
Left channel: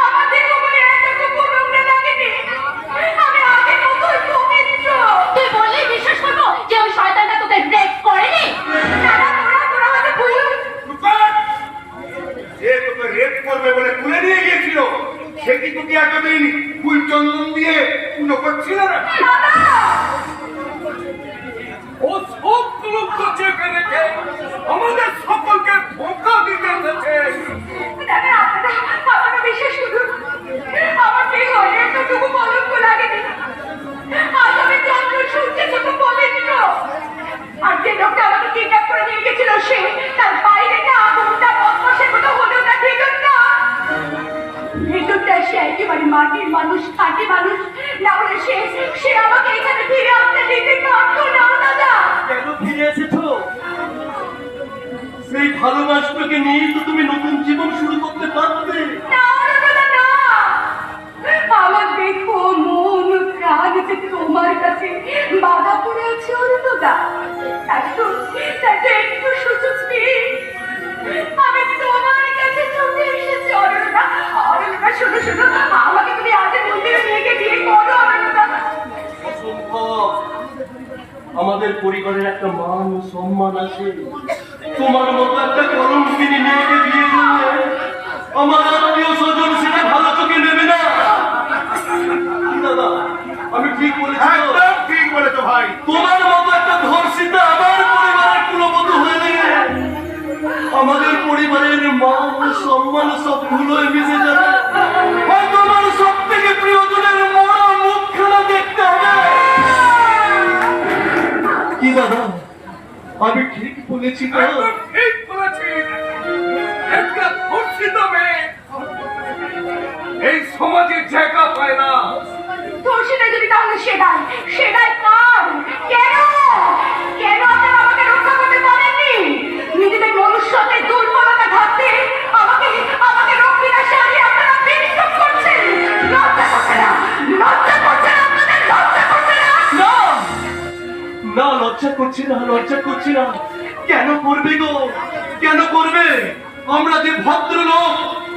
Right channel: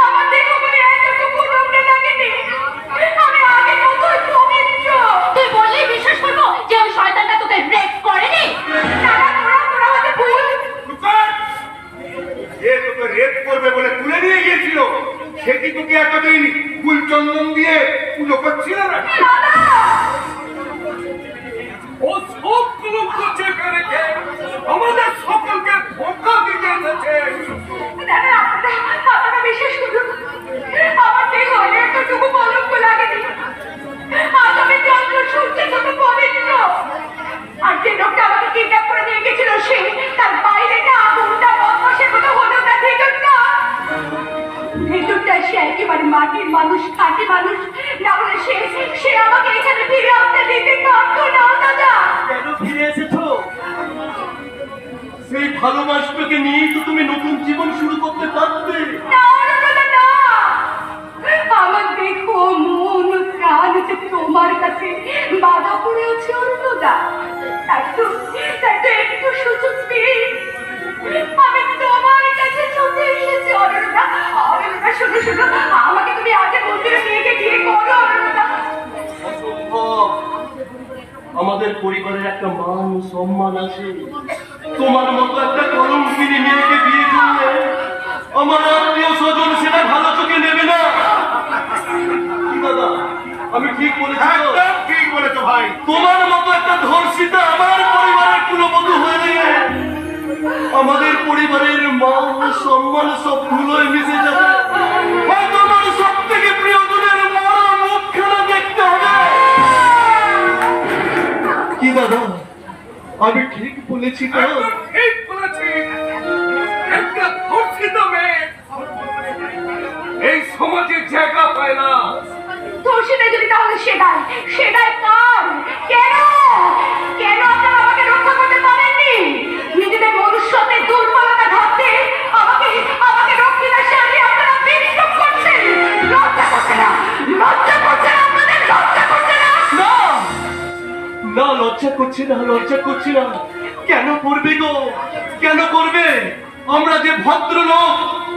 আমার দেহ বলে এতটুকু নোংরা লাগেনি। আমি আগের মতোই পবিত্র। তুই বললেই বিশ্বাস করবো যে ওই শয়তানটা তোকে রেপ করেনি? না, তোরা হয়তো ভুল। যে তোকে রেপ করবে বলে তুলে নিয়ে গিয়েছিল, সে কি তোকে এতদিন ফুল চন্দন দিয়ে পুজো করছিল না? ও সবগুলো করছে পেরেছে, আমাদের সকলকে ধোঁকা দিতে এসেছে। আপনারা বিশ্বাস করুন, আমার দেহ এতটুকু কলঙ্ক লাগেনি। আজ আমি চন্দ্র সূর্যের মতো পবিত্র। আর যে লোকটা আমাকে কিডন্যাপ করে নিয়ে গেছিল, সে তার বাইরে না কোনটা বদমাশের মতো হলো না, ভিতরটা সে একেবারে মাটির মানুষ, খাঁটি মানুষ। না বলে সে আমাকে এখানে ফিরে আসতে দিতে পারতো না দাদা। কেন ফিরে এসেছো? সেই ভালোবাসাকে নিয়েই তো তুমি নতুন জীবন শুরু করতে পারবে। না দাদা, না। আমার দেখো মন প্রাণ যে তোমার কাছে বাধা অরণ্যদা, একটু সুযোগ দিন। আমি তোমার কাছে ছুটে এসেছি অরণ্যদা। অরণ্যদা, শোনো শোনো, আমাকে তুমি আজকে মন্দিরে নিয়ে গিয়ে বিয়ে করো অরণ্যদা। অসম্ভব। আমাদের পরিবারের একটা মান সম্মান আছে। তোমার মতো একটা কলঙ্কিনী মেয়েকে বিয়ে করলে আমার আত্মীয় স্বজন সেটা ভালো চোখে নেবে না। কি দাদা, আমি ঠিক বলেছি তো? একদম ঠিক বলেছো ভাই। তোমার মতো একটা ধর্ষিতা আমার পরিবারের কুলবধূ হয়ে আমাদের পরিবারের মান সম্মান সব ধুলোয় মিশে যাবে। হয়তো আমার সব থেকে প্রিয়জনের মরা মুখখানা দেখতে হবে। কি দাদা, আমি ঠিক বলেছি তো? একদম ঠিক বলেছিস। একটা ধর্ষিত মেয়ে এই সমাজে জায়গা পায় না। ধর্ষিতা যদি তাহলে সেটাই কার? কেন কেন আপনারা আমাকে রক্ষা করতে পারেননি? নিজেদের মনুষ্যত্বের দুর্বলতা ঘাটতে আমাকে রক্ষিতার সাথে আপনারা বিদ্রোহ করছেন। লজ্জা করছে না? লজ্জা করছে না আপনাদের? লজ্জা করছে না? না না, লজ্জা করছি না, লজ্জা করছি না। কেন করবে গো, কেন করবে? আমরা যে ভদ্রলোক,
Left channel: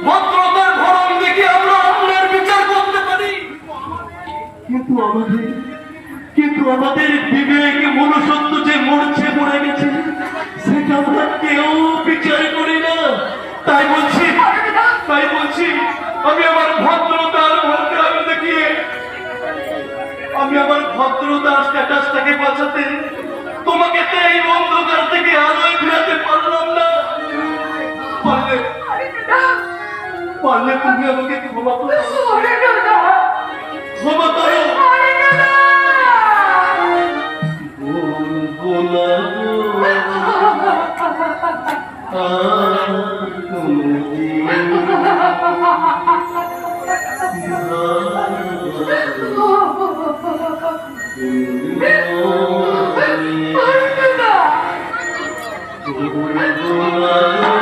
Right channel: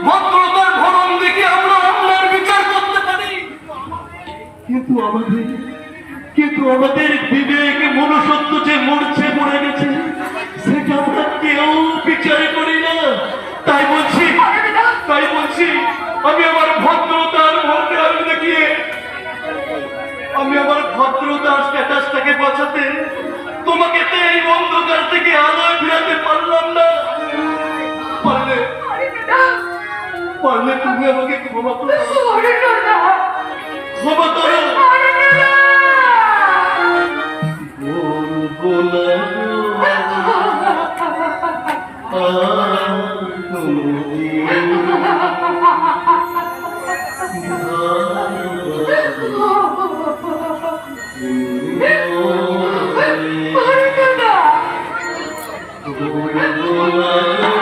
ভদ্রতার ধরন দেখে আমরা অন্যায়ের বিচার করতে পারি। কিন্তু আমাদের বিবেক মনুষ্যত্ব যে মরে গেছে সেটা আমরা কেউ বিচার করি না। তাই বলছি আমি আমার ভদ্রতার ভোটে আলো দেখিয়ে আমি আমার ভদ্রতার স্ট্যাটাসটাকে বাঁচাতে তোমাকে তো এই অন্ধকার থেকে আলোয় ফেরাতে পারলাম না। পারলে তুমি আমাকে ক্ষমা করো, ক্ষমা করো। বলবো না আর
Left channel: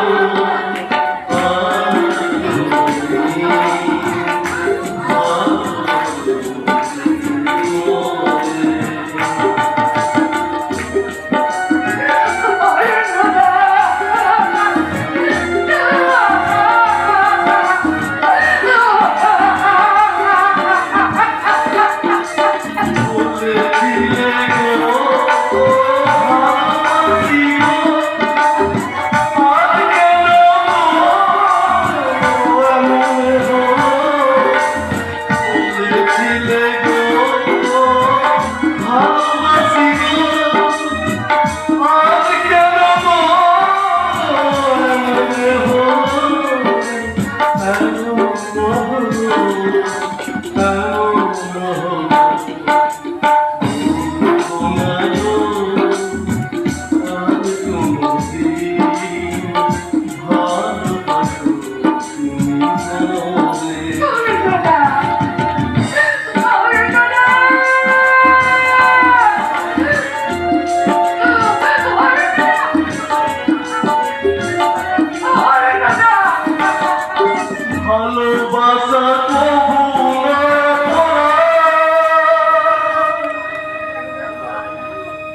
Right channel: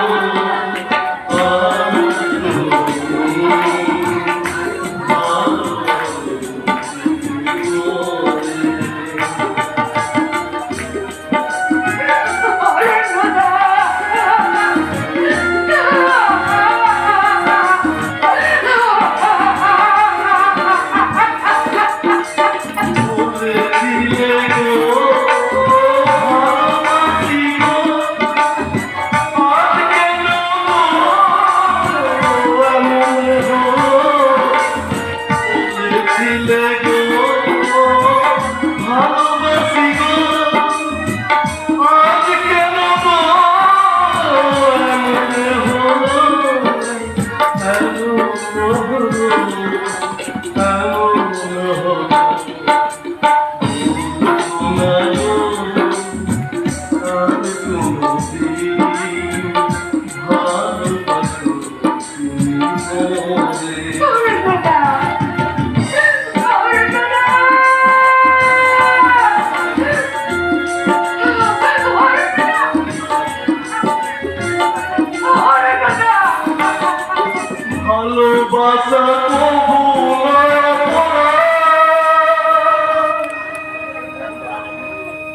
ভালোবাসা কবু না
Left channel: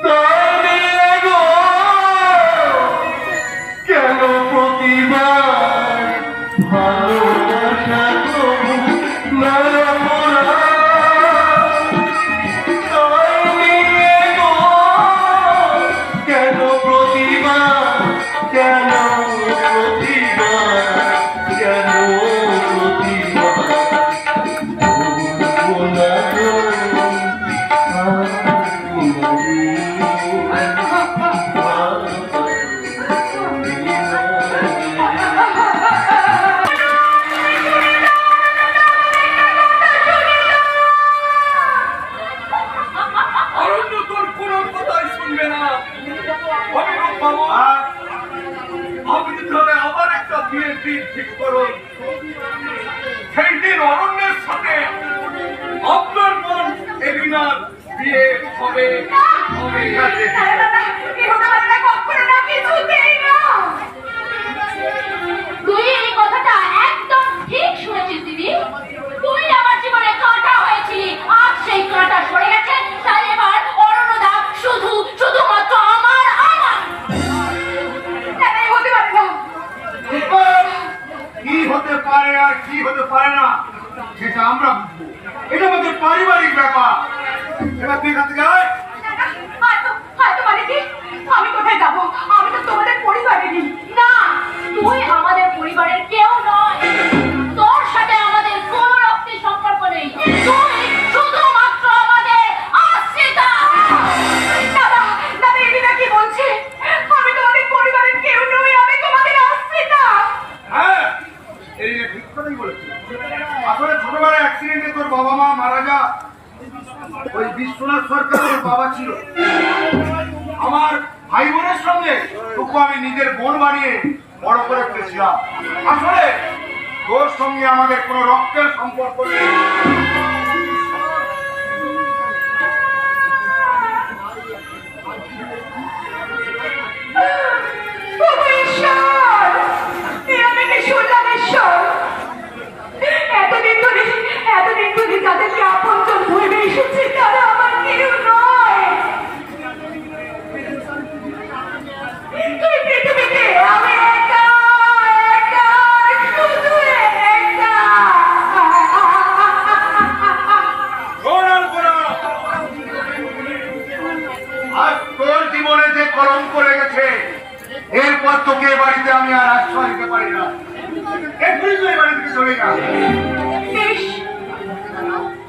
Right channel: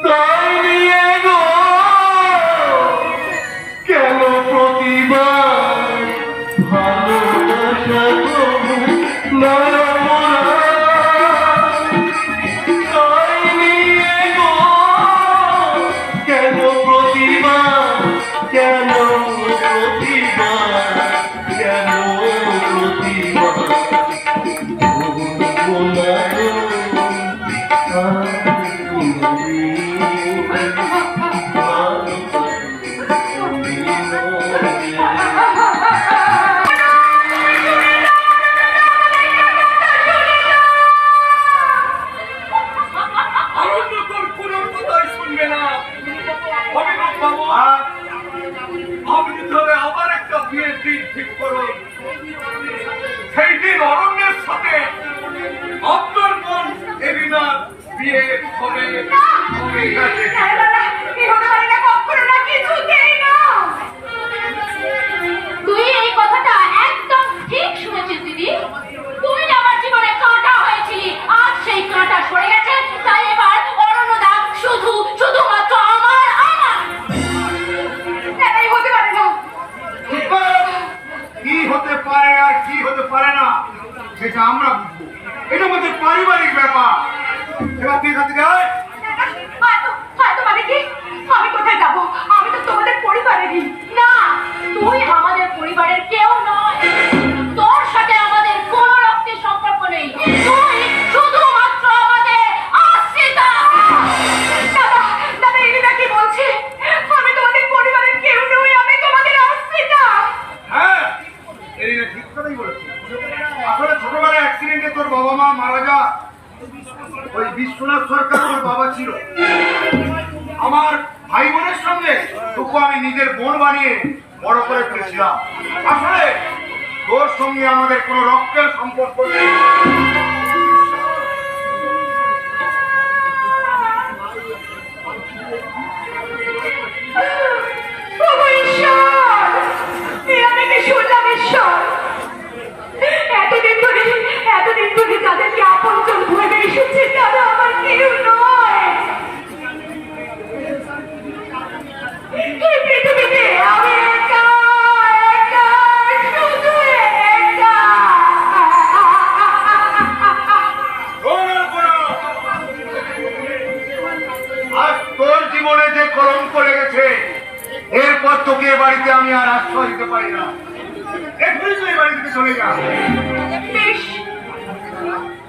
তাই নিয়ে গো কেন প্রতিবার ভালোবাসা কবু না তাই নিয়ে গো কেন প্রতিবার কেন প্রতিবার কেন অরণ্য তোর কোনো কথাই শুনবে না। অভিনব বাবু, আপনি তাহলে আবার একটা বিয়ের দিন ঠিক করুন। সেই দিন অরণ্যের সাথে আপনার বোন এরিনার বিয়ে হবে। তুই এই কথাটা একদম ঠিক শুনেছিস দিদি। তুই আমার জীবনে কাঁটা হয়েছিলি, আর সেই কাঁটা সরে গেছে। তাই এবার অরণ্যদা শুধু হতে পারে আর কি হতে পারে না সেটা আমরা বুঝবো। এটা আমাদের পারিবারিক ব্যাপার। এবার তুই এখান থেকে আয়। হয়তো মানে কি? আমি কোথায় যাবো? আমি তো তোমাদের পরিবারেরই না। তুই আমাদের পরিবারের কেউ নয়। তোর সাথে আমাদের কোনো রক্তের সম্পর্ক নেই। তুই শুধুমাত্র আমাদের আশ্রিতা। দাদা, দাদা, এরিনা কি বলছে? আমি তোমাদের পরিবারের কেউ নই, আমি তোমাদের আশ্রিতা। হ্যাঁ, এরিনা ঠিক কথাই বলেছে। আসলে ছোটবেলায় অ্যাক্সিডেন্টে তোর বাবা মা মারা যা, ওই বিশ্বনাথ সরকার তোর বাবা ছিল। আমার ভাই বোনের সঙ্গে তোকে আমি নিজের বোন বানিয়ে বড় করে ফেলেছিলাম। আসলে তোর সঙ্গে আমাদের কোনো রক্তের সম্পর্ক নেই। ওগো ঈশ্বর, আমি কি শুনলাম ঈশ্বর? এতদিন ধরে যাদেরকে আপনজন ভেবে এসেছি তারা আমার কেউ নয়। এই পৃথিবীতে আমি একা, একা, শুধু একা। আজ তোর জীবনে যে কলঙ্ক লেগেছে, এরপর তোকে এ বাড়িতে আমি আর আশ্রয় দিতে পারি না। এক্ষুনি তুই এই বাড়ি থেকে চলে যা। বেশ,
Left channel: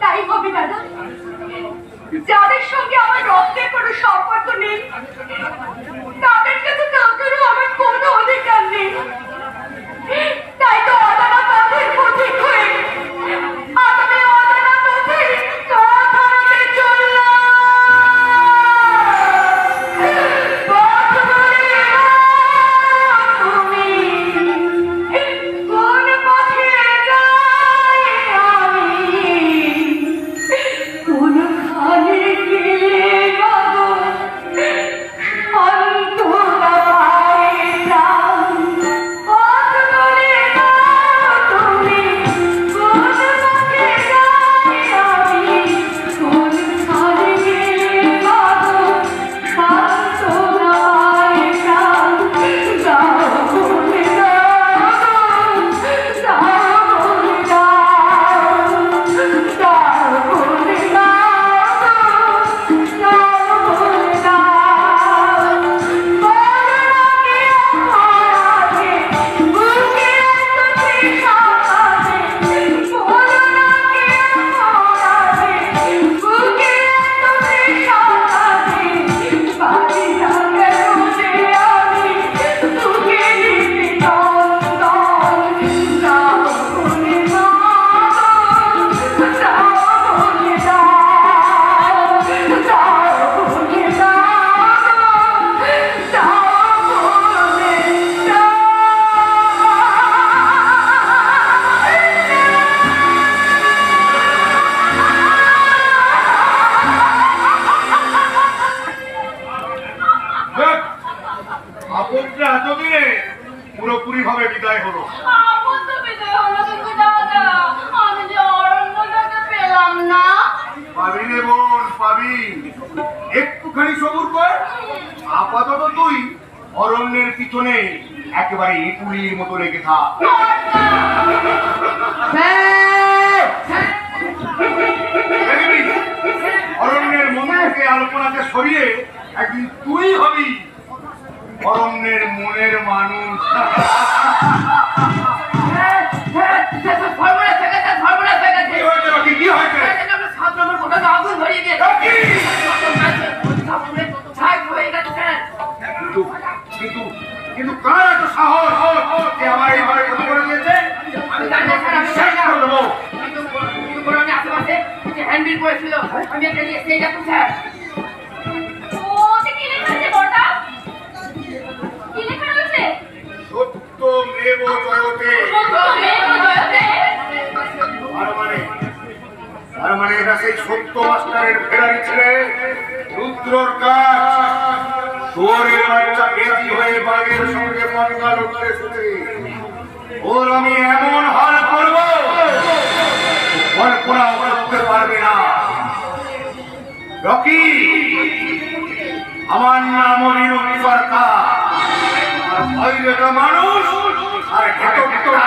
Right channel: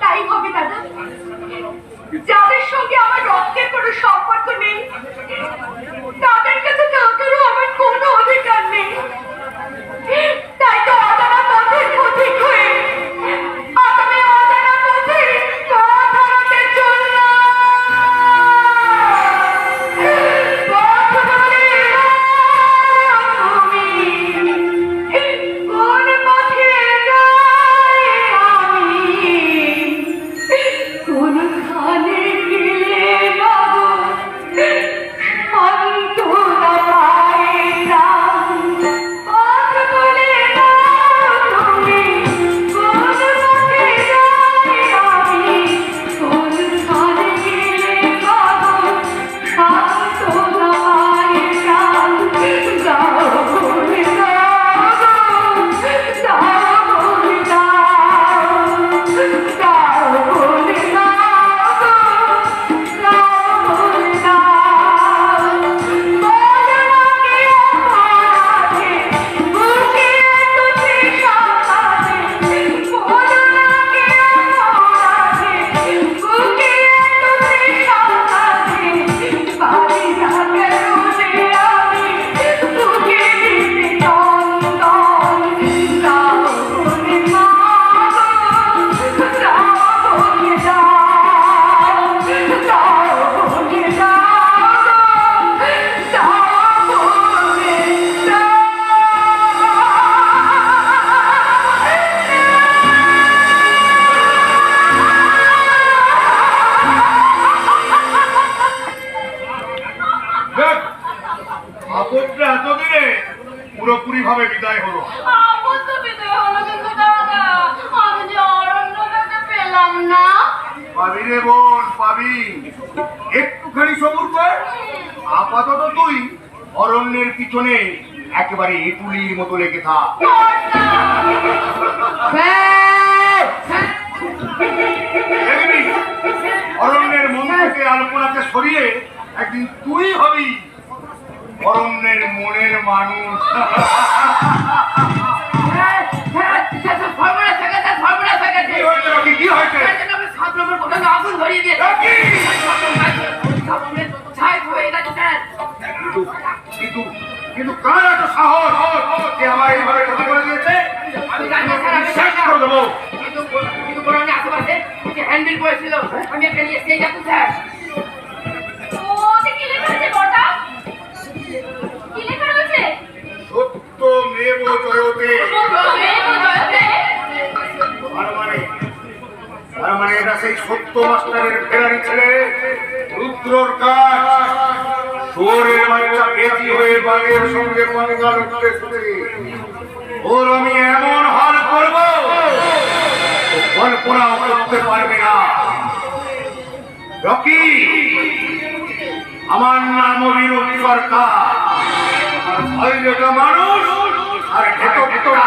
তাই হবে দাদা। যাদের সঙ্গে আমার রক্তের কোনো সম্পর্ক নেই তাদের কাছে থাকারও আমার কোনো অধিকার নেই। তাই তো অজানা পথের পথিক হয়ে আমি অজানা পথে পথ হারাতে চললাম। পথ ভুলে তুমি কোন পথে যাই আমি, কোনখানে গেলে পাবো অন্তরা পায়ে প্রাণ। পথ ভুলে তুমি কোন পথে যাই আমি, কোনখানে গেলে পাবো অন্তরা পায়ে প্রাণ। যাও বলে দাও, যাও বলে দাও, যাও বলে দাও, যাও বলে দাও। বদনাকে অপরাধে বুকে এত তৃষা আছে, বদনাকে অপরাধে বুকে এত তৃষা আছে। পারি না কেন যে আমি তোকে দিতে চন্দন। যাও বলে মা, যাও বলে দাও, যাও বলে দাও, যাও বলে দেখ, আপদটা এতদিনে পুরোপুরি ভাবে বিদায় হলো। আপন তো পেতে হলো, কিন্তু দাদা আমি যে অরণ্যটাকে পেলাম না। পাবি রে বোন, পাবি। একটুখানি সবুর কর। আপাতত তুই অরণ্যের পিছনে একেবারে ইটুলির মতো লেগে থাক। দেখবি, অরণ্যের মন থেকে আলপনাকে সরিয়ে একদিন তুই হবি অরণ্যের মনের মানুষ। কি হয়েছে রকি, কি হয়েছে? কিন্তু কিন্তু কার এত সাহস যে আমার এইভাবে ক্ষতি করে দিয়েছে? শেষ করে দেবো। আমি একটা লিখে যাবো স্যার। ও যে কি লেখা আছে বড়দা? কি লেখা রয়েছে? সত্য মেব জয়তে। তার মানে এটা সেই সত্য মাস্টারের ফেরারি ছেলে রুদ্রর কাজ। শুয়োরের বাচ্চা বেশি হয়ে বাঘের সঙ্গে পাঙ্গা লড়তে শুনে ওর আমি এমন হাল করব কল্পনাও করতে পারবে না। রকি, আমার নাম অভিনব সরকার। আর বাইরেটা মানুষ আর ভেতরটা